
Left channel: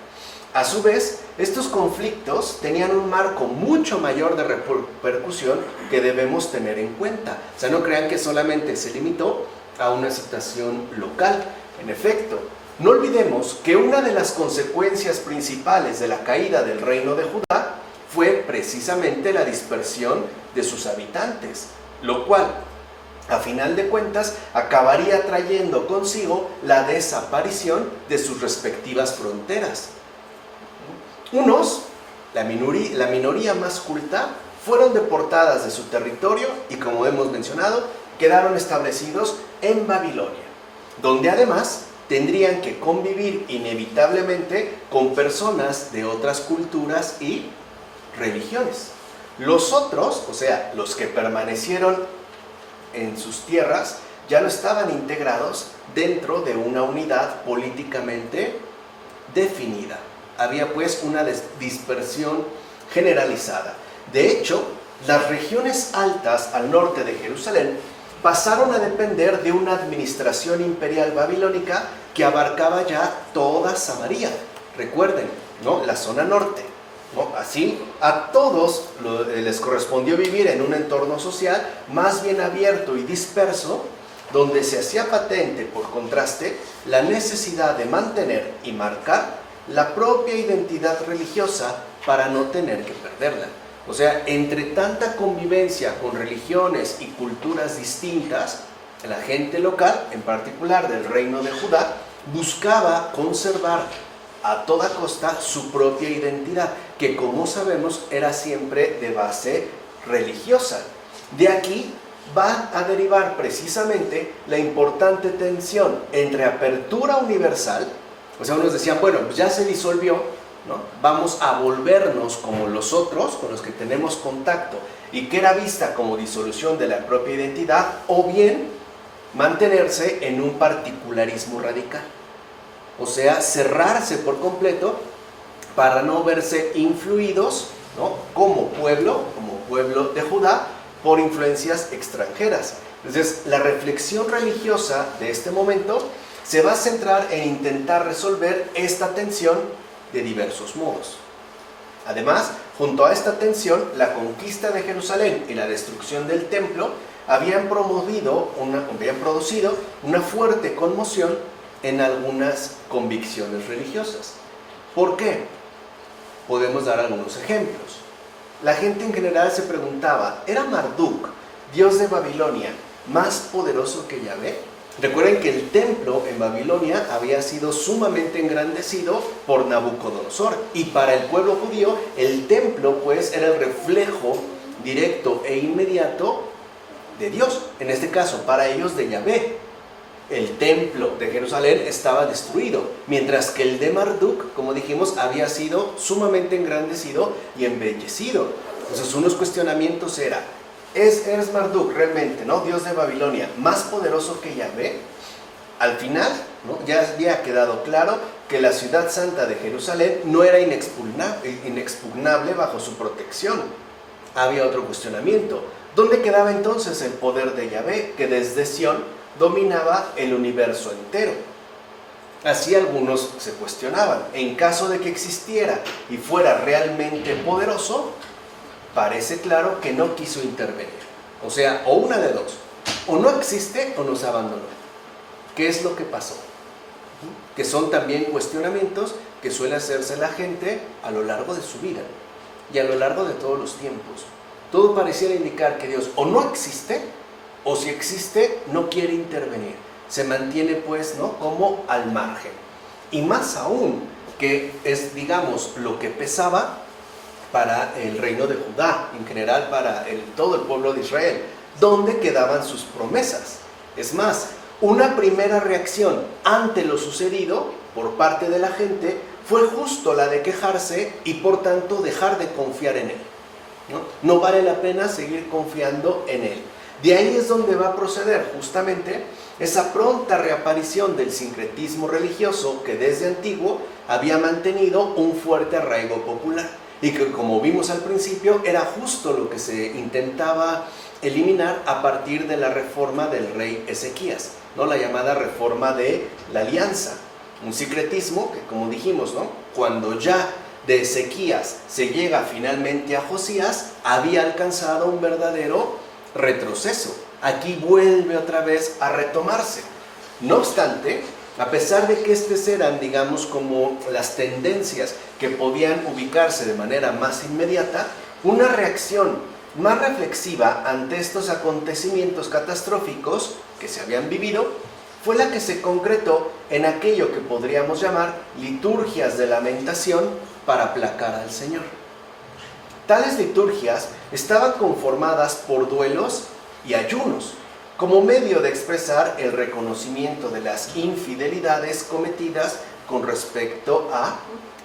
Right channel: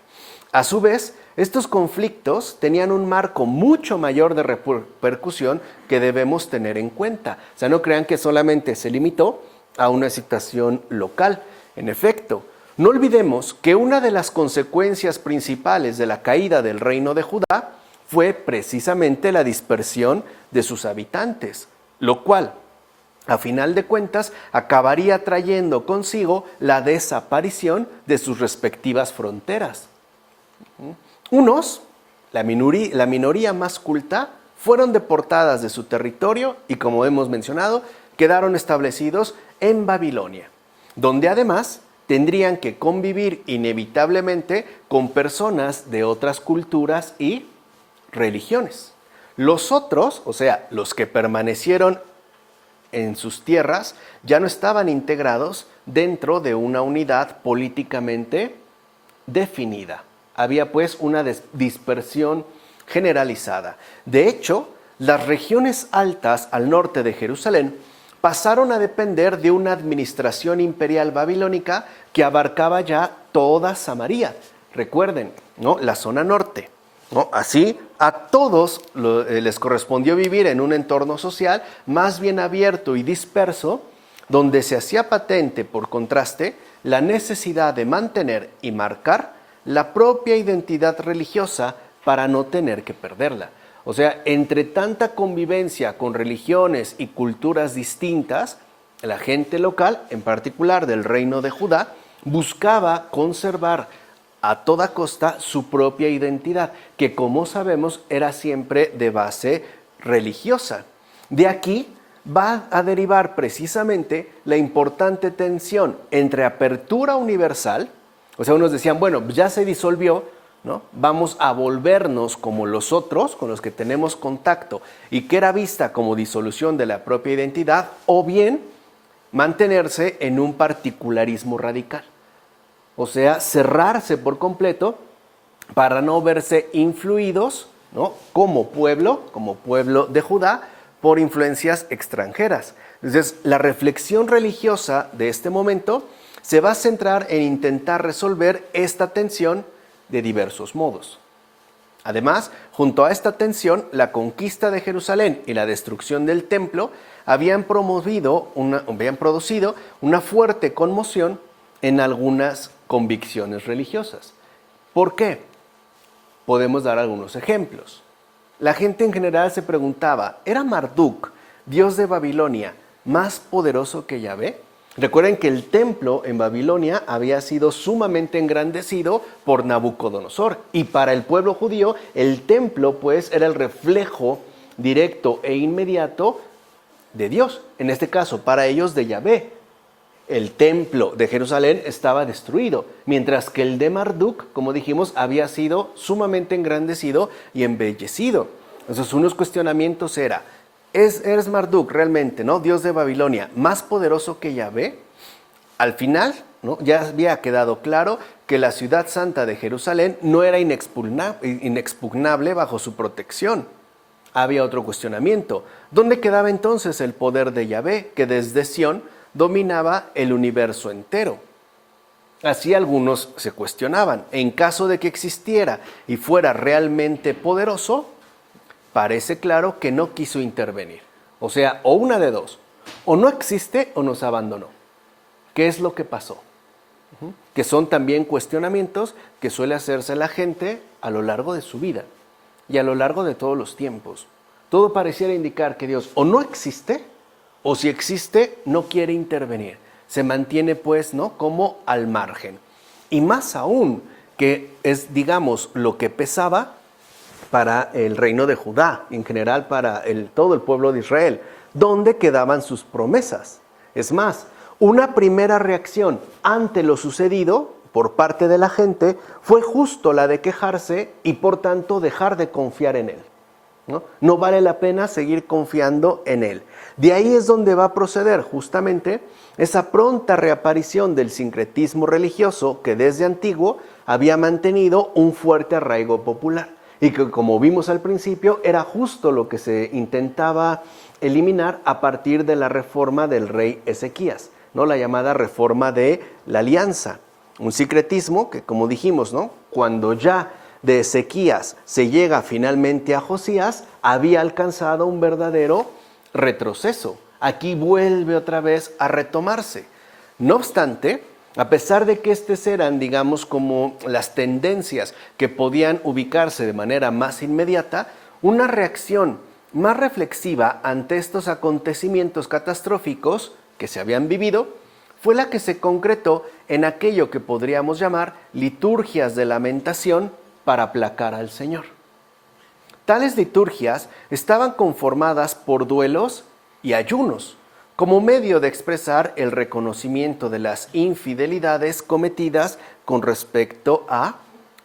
A su vez, estos conflictos tenían un marco mucho mayor de repercusión que debemos tener en cuenta. O sea, no crean que solamente se limitó a una situación local. En efecto, no olvidemos que una de las consecuencias principales de la caída del reino de Judá fue precisamente la dispersión de sus habitantes, lo cual, a final de cuentas, acabaría trayendo consigo la desaparición de sus respectivas fronteras. Unos, la minoría más culta, fueron deportadas de su territorio y, como hemos mencionado, quedaron establecidos en Babilonia, donde además tendrían que convivir inevitablemente con personas de otras culturas y religiones. Los otros, o sea, los que permanecieron en sus tierras, ya no estaban integrados dentro de una unidad políticamente definida. Había pues una dispersión generalizada. De hecho, las regiones altas al norte de Jerusalén pasaron a depender de una administración imperial babilónica que abarcaba ya toda Samaria. Recuerden, ¿no?, la zona norte, ¿no? Así, a todos les correspondió vivir en un entorno social más bien abierto y disperso, donde se hacía patente, por contraste, la necesidad de mantener y marcar la propia identidad religiosa para no tener que perderla. O sea, entre tanta convivencia con religiones y culturas distintas, la gente local, en particular del reino de Judá, buscaba conservar a toda costa su propia identidad, que, como sabemos, era siempre de base religiosa. De aquí va a derivar precisamente la importante tensión entre apertura universal, o sea, unos decían, bueno, ya se disolvió, ¿no?, vamos a volvernos como los otros, con los que tenemos contacto, y que era vista como disolución de la propia identidad, o bien mantenerse en un particularismo radical. O sea, cerrarse por completo para no verse influidos, ¿no?, como pueblo de Judá, por influencias extranjeras. Entonces, la reflexión religiosa de este momento se va a centrar en intentar resolver esta tensión de diversos modos. Además, junto a esta tensión, la conquista de Jerusalén y la destrucción del templo habían producido una fuerte conmoción en algunas convicciones religiosas. ¿Por qué? Podemos dar algunos ejemplos. La gente en general se preguntaba, ¿era Marduk, dios de Babilonia, más poderoso que Yahvé? Recuerden que el templo en Babilonia había sido sumamente engrandecido por Nabucodonosor, y para el pueblo judío el templo pues era el reflejo directo e inmediato de Dios, en este caso para ellos de Yahvé. El templo de Jerusalén estaba destruido, mientras que el de Marduk, como dijimos, había sido sumamente engrandecido y embellecido. Entonces, unos cuestionamientos era, ¿es Marduk realmente, ¿no?, dios de Babilonia, más poderoso que Yahvé? Al final, ¿no?, ya había quedado claro que la ciudad santa de Jerusalén no era inexpugnable bajo su protección. Había otro cuestionamiento. ¿Dónde quedaba entonces el poder de Yahvé, que desde Sión dominaba el universo entero? Así algunos se cuestionaban. En caso de que existiera y fuera realmente poderoso, parece claro que no quiso intervenir. O sea, o una de dos, o no existe o nos abandonó. ¿Qué es lo que pasó? Que son también cuestionamientos que suele hacerse la gente a lo largo de su vida y a lo largo de todos los tiempos. Todo pareciera indicar que Dios o no existe, o si existe, no quiere intervenir. Se mantiene pues, ¿no?, como al margen. Y más aún, que es, digamos, lo que pesaba, para el reino de Judá, en general para todo el pueblo de Israel, donde quedaban sus promesas. Es más, una primera reacción ante lo sucedido por parte de la gente fue justo la de quejarse y por tanto dejar de confiar en él. No vale la pena seguir confiando en él. De ahí es donde va a proceder justamente esa pronta reaparición del sincretismo religioso que desde antiguo había mantenido un fuerte arraigo popular y que, como vimos al principio, era justo lo que se intentaba eliminar a partir de la reforma del rey Ezequías, ¿no? La llamada reforma de la alianza. Un sincretismo que, como dijimos, ¿no? Cuando ya de Ezequías se llega finalmente a Josías, había alcanzado un verdadero retroceso. Aquí vuelve otra vez a retomarse. No obstante, a pesar de que estas eran, digamos, como las tendencias que podían ubicarse de manera más inmediata, una reacción más reflexiva ante estos acontecimientos catastróficos que se habían vivido fue la que se concretó en aquello que podríamos llamar liturgias de lamentación para aplacar al Señor. Tales liturgias estaban conformadas por duelos y ayunos, como medio de expresar el reconocimiento de las infidelidades cometidas con respecto a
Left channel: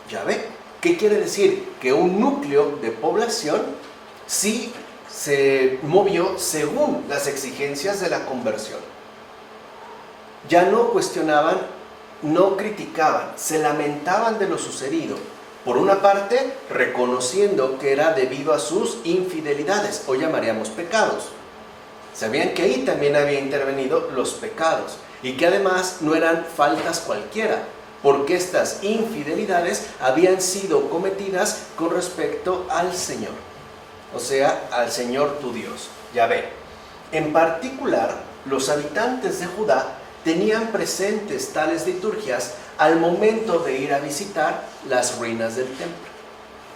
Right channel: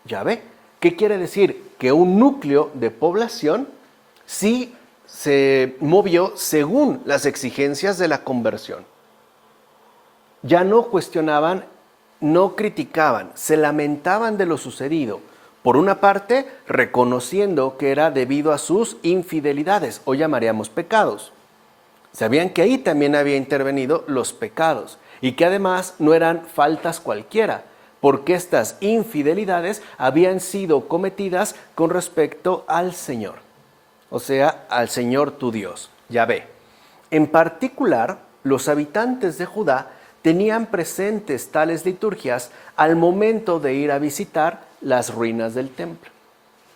Yahvé. ¿Qué quiere decir? Que un núcleo de población sí se movió según las exigencias de la conversión. Ya no cuestionaban, no criticaban, se lamentaban de lo sucedido. Por una parte, reconociendo que era debido a sus infidelidades, o llamaríamos pecados. Sabían que ahí también había intervenido los pecados y que además no eran faltas cualquiera, porque estas infidelidades habían sido cometidas con respecto al Señor, o sea, al Señor tu Dios, Yahvé. En particular, los habitantes de Judá tenían presentes tales liturgias al momento de ir a visitar las ruinas del templo.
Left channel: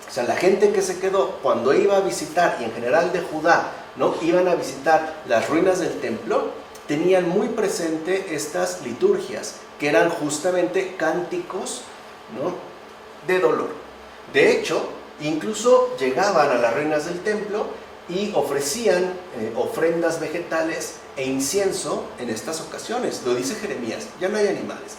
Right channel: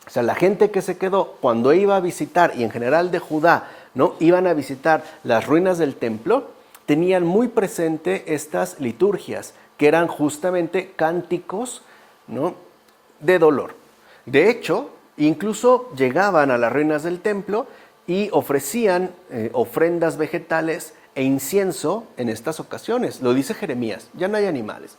O sea, la gente que se quedó cuando iba a visitar, y en general de Judá, ¿no?, iban a visitar las ruinas del templo, tenían muy presente estas liturgias, que eran justamente cánticos, ¿no?, de dolor. De hecho, incluso llegaban a las ruinas del templo y ofrecían ofrendas vegetales e incienso en estas ocasiones. Lo dice Jeremías, ya no hay animales.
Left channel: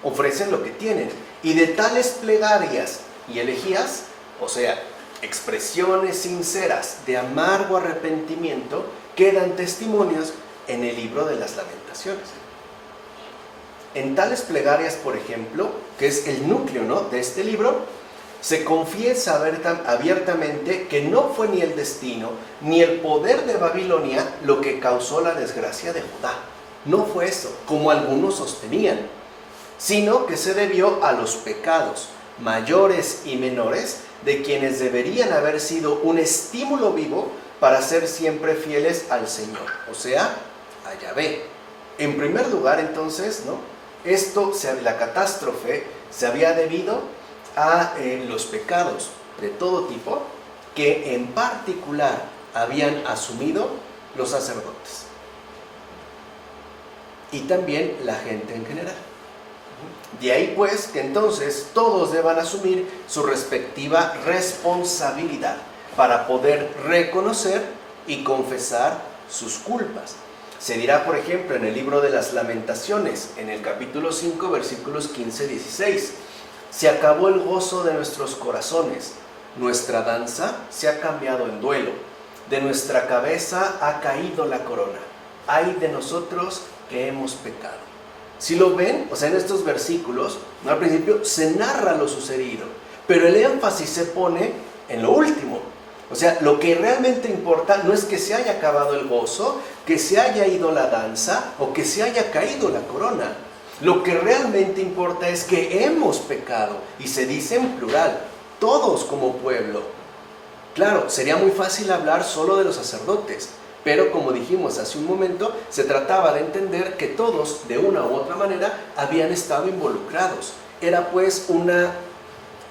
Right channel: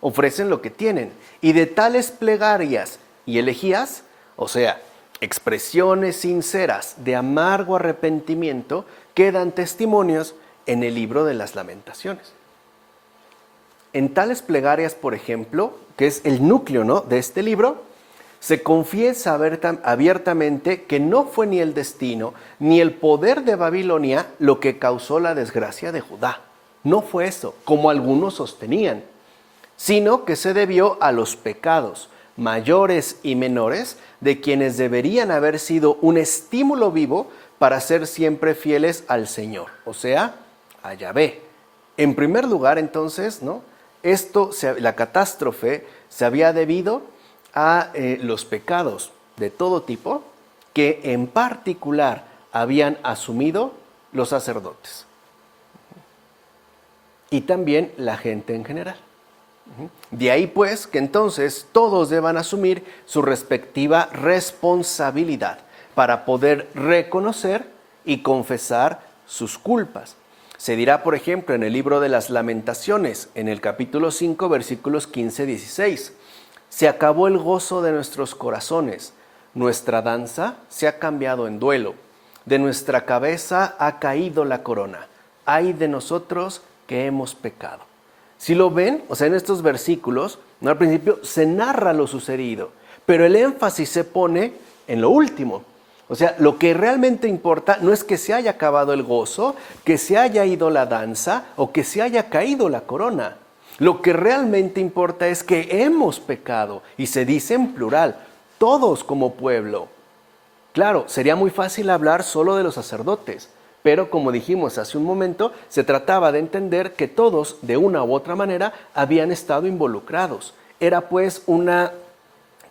Ofrecen lo que tienen. Y de tales plegarias y elegías, o sea, expresiones sinceras de amargo arrepentimiento, quedan testimonios en el libro de las Lamentaciones. En tales plegarias, por ejemplo, que es el núcleo, ¿no?, de este libro, se confiesa abiertamente que no fue ni el destino ni el poder de Babilonia lo que causó la desgracia de Judá. No fue eso, como algunos sostenían, sino que se debió a los pecados mayores y menores de quienes deberían haber sido un estímulo vivo para ser siempre fieles al Señor, o sea, a Yahvé. En primer lugar, entonces, ¿no?, la catástrofe se había debido a los pecados de todo tipo que en particular habían asumido los sacerdotes y también la gente en general. De ahí pues que entonces todos deban asumir su respectiva responsabilidad para poder reconocer y confesar sus culpas. Se dirá, por ejemplo, en el libro de las Lamentaciones, en el capítulo 5, versículos 15-16, se acabó el gozo de nuestros corazones, nuestra danza se ha cambiado en duelo, de nuestra cabeza ha caído la corona, ay de nosotros que hemos pecado. Si lo ven, o sea, en estos versículos, ¿no?, al principio se narra lo sucedido, pero el énfasis se pone en lo último. O sea, lo que realmente importa no es que se haya acabado el gozo, que se haya ido la danza o que se haya caído la corona. Lo que realmente importa es que hemos pecado, y se dice en plural, todos como pueblo. Claro, sería muy fácil hablar solo de los sacerdotes, pero como dijimos hace un momento, se trataba de entender que todos, de una u otra manera, habían estado involucrados. Era pues una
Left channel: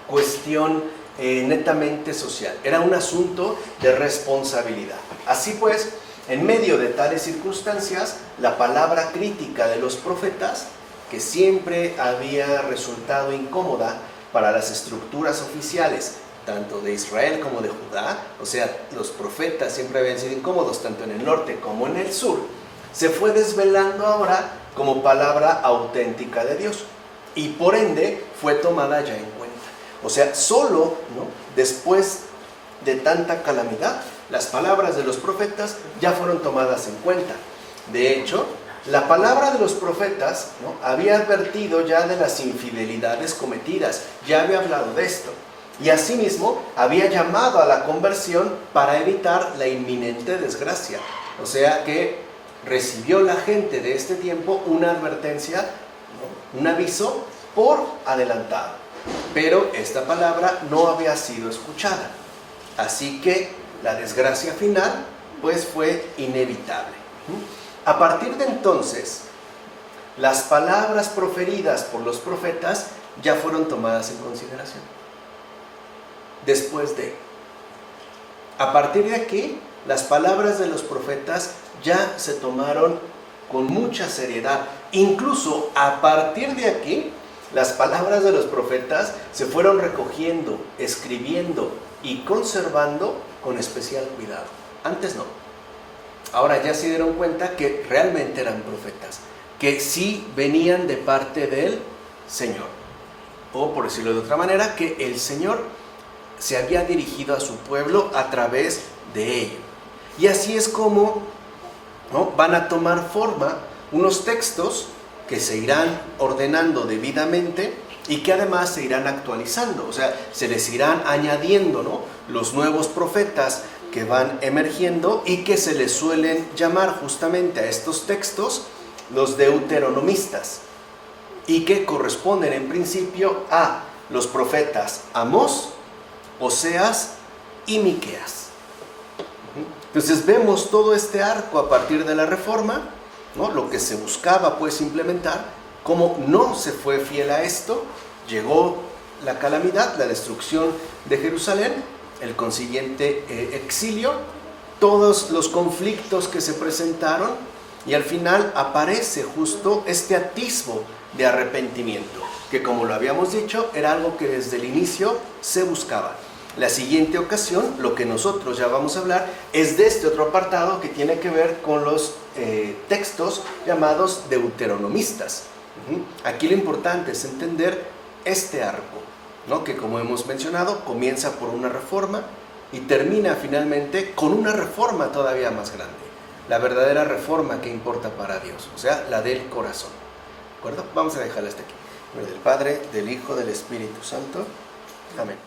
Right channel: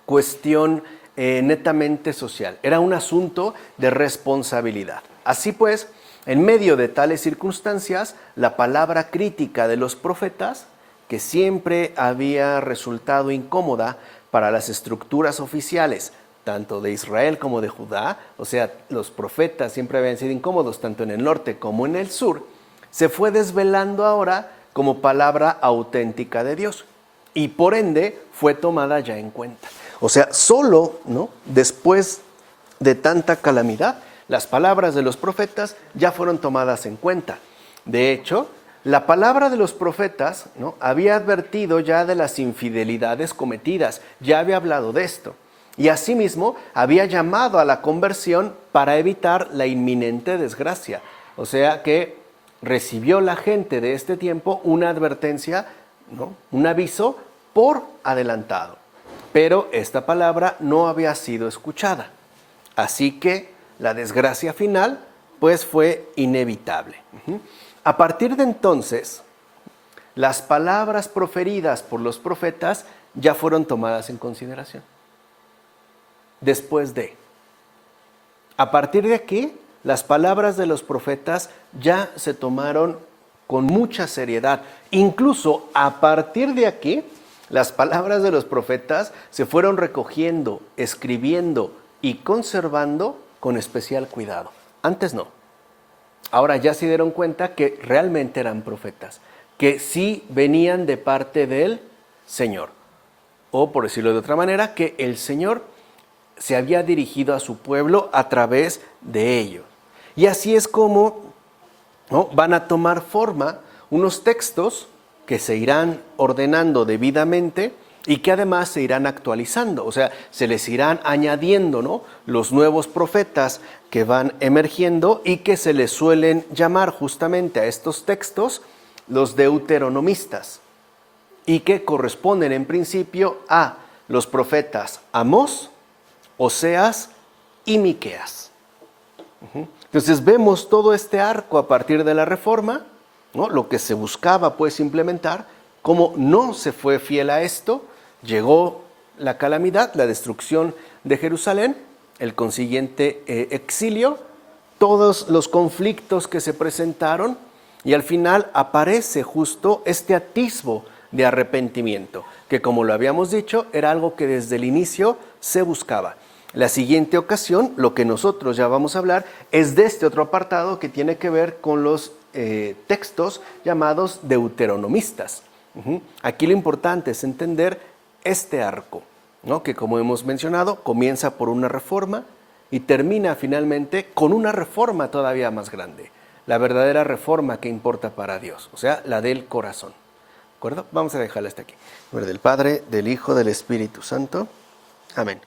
cuestión netamente social, era un asunto de responsabilidad. Así pues, en medio de tales circunstancias, la palabra crítica de los profetas, que siempre había resultado incómoda para las estructuras oficiales tanto de Israel como de Judá, o sea, los profetas siempre habían sido incómodos, tanto en el norte como en el sur, se fue desvelando ahora como palabra auténtica de Dios y por ende fue tomada ya en cuenta. O sea, solo, ¿no?, después de tanta calamidad, las palabras de los profetas ya fueron tomadas en cuenta. De hecho, la palabra de los profetas, ¿no?, había advertido ya de las infidelidades cometidas, ya había hablado de esto. Y asimismo, había llamado a la conversión para evitar la inminente desgracia. O sea que recibió la gente de este tiempo una advertencia, ¿no?, un aviso por adelantado. Pero esta palabra no había sido escuchada. Así que la desgracia final, pues, fue inevitable. A partir de entonces, las palabras proferidas por los profetas ya fueron tomadas en consideración. A partir de aquí, las palabras de los profetas ya se tomaron con mucha seriedad. Incluso a partir de aquí, las palabras de los profetas se fueron recogiendo, escribiendo y conservando con especial cuidado. Antes no. Ahora ya se dieron cuenta que realmente eran profetas, que sí venían de parte del Señor. O, por decirlo de otra manera, que el Señor se había dirigido a su pueblo a través de ello. Y así es como, ¿no?, van a tomar forma unos textos que se irán ordenando debidamente y que además se irán actualizando. O sea, se les irán añadiendo, ¿no?, los nuevos profetas que van emergiendo y que se les suelen llamar justamente a estos textos los deuteronomistas y que corresponden en principio a los profetas Amós, Oseas y Miqueas. Entonces vemos todo este arco a partir de la Reforma, ¿no?, lo que se buscaba pues implementar. Como no se fue fiel a esto, llegó la calamidad, la destrucción de Jerusalén, el consiguiente exilio, todos los conflictos que se presentaron y al final aparece justo este atisbo de arrepentimiento, que como lo habíamos dicho, era algo que desde el inicio se buscaba. La siguiente ocasión, lo que nosotros ya vamos a hablar, es de este otro apartado que tiene que ver con los textos llamados deuteronomistas. Aquí lo importante es entender este arco, ¿no?, que como hemos mencionado, comienza por una reforma y termina finalmente con una reforma todavía más grande. La verdadera reforma que importa para Dios, o sea, la del corazón. ¿De acuerdo? Vamos a dejarla hasta aquí. En nombre del Padre, del Hijo, del Espíritu Santo. Amén.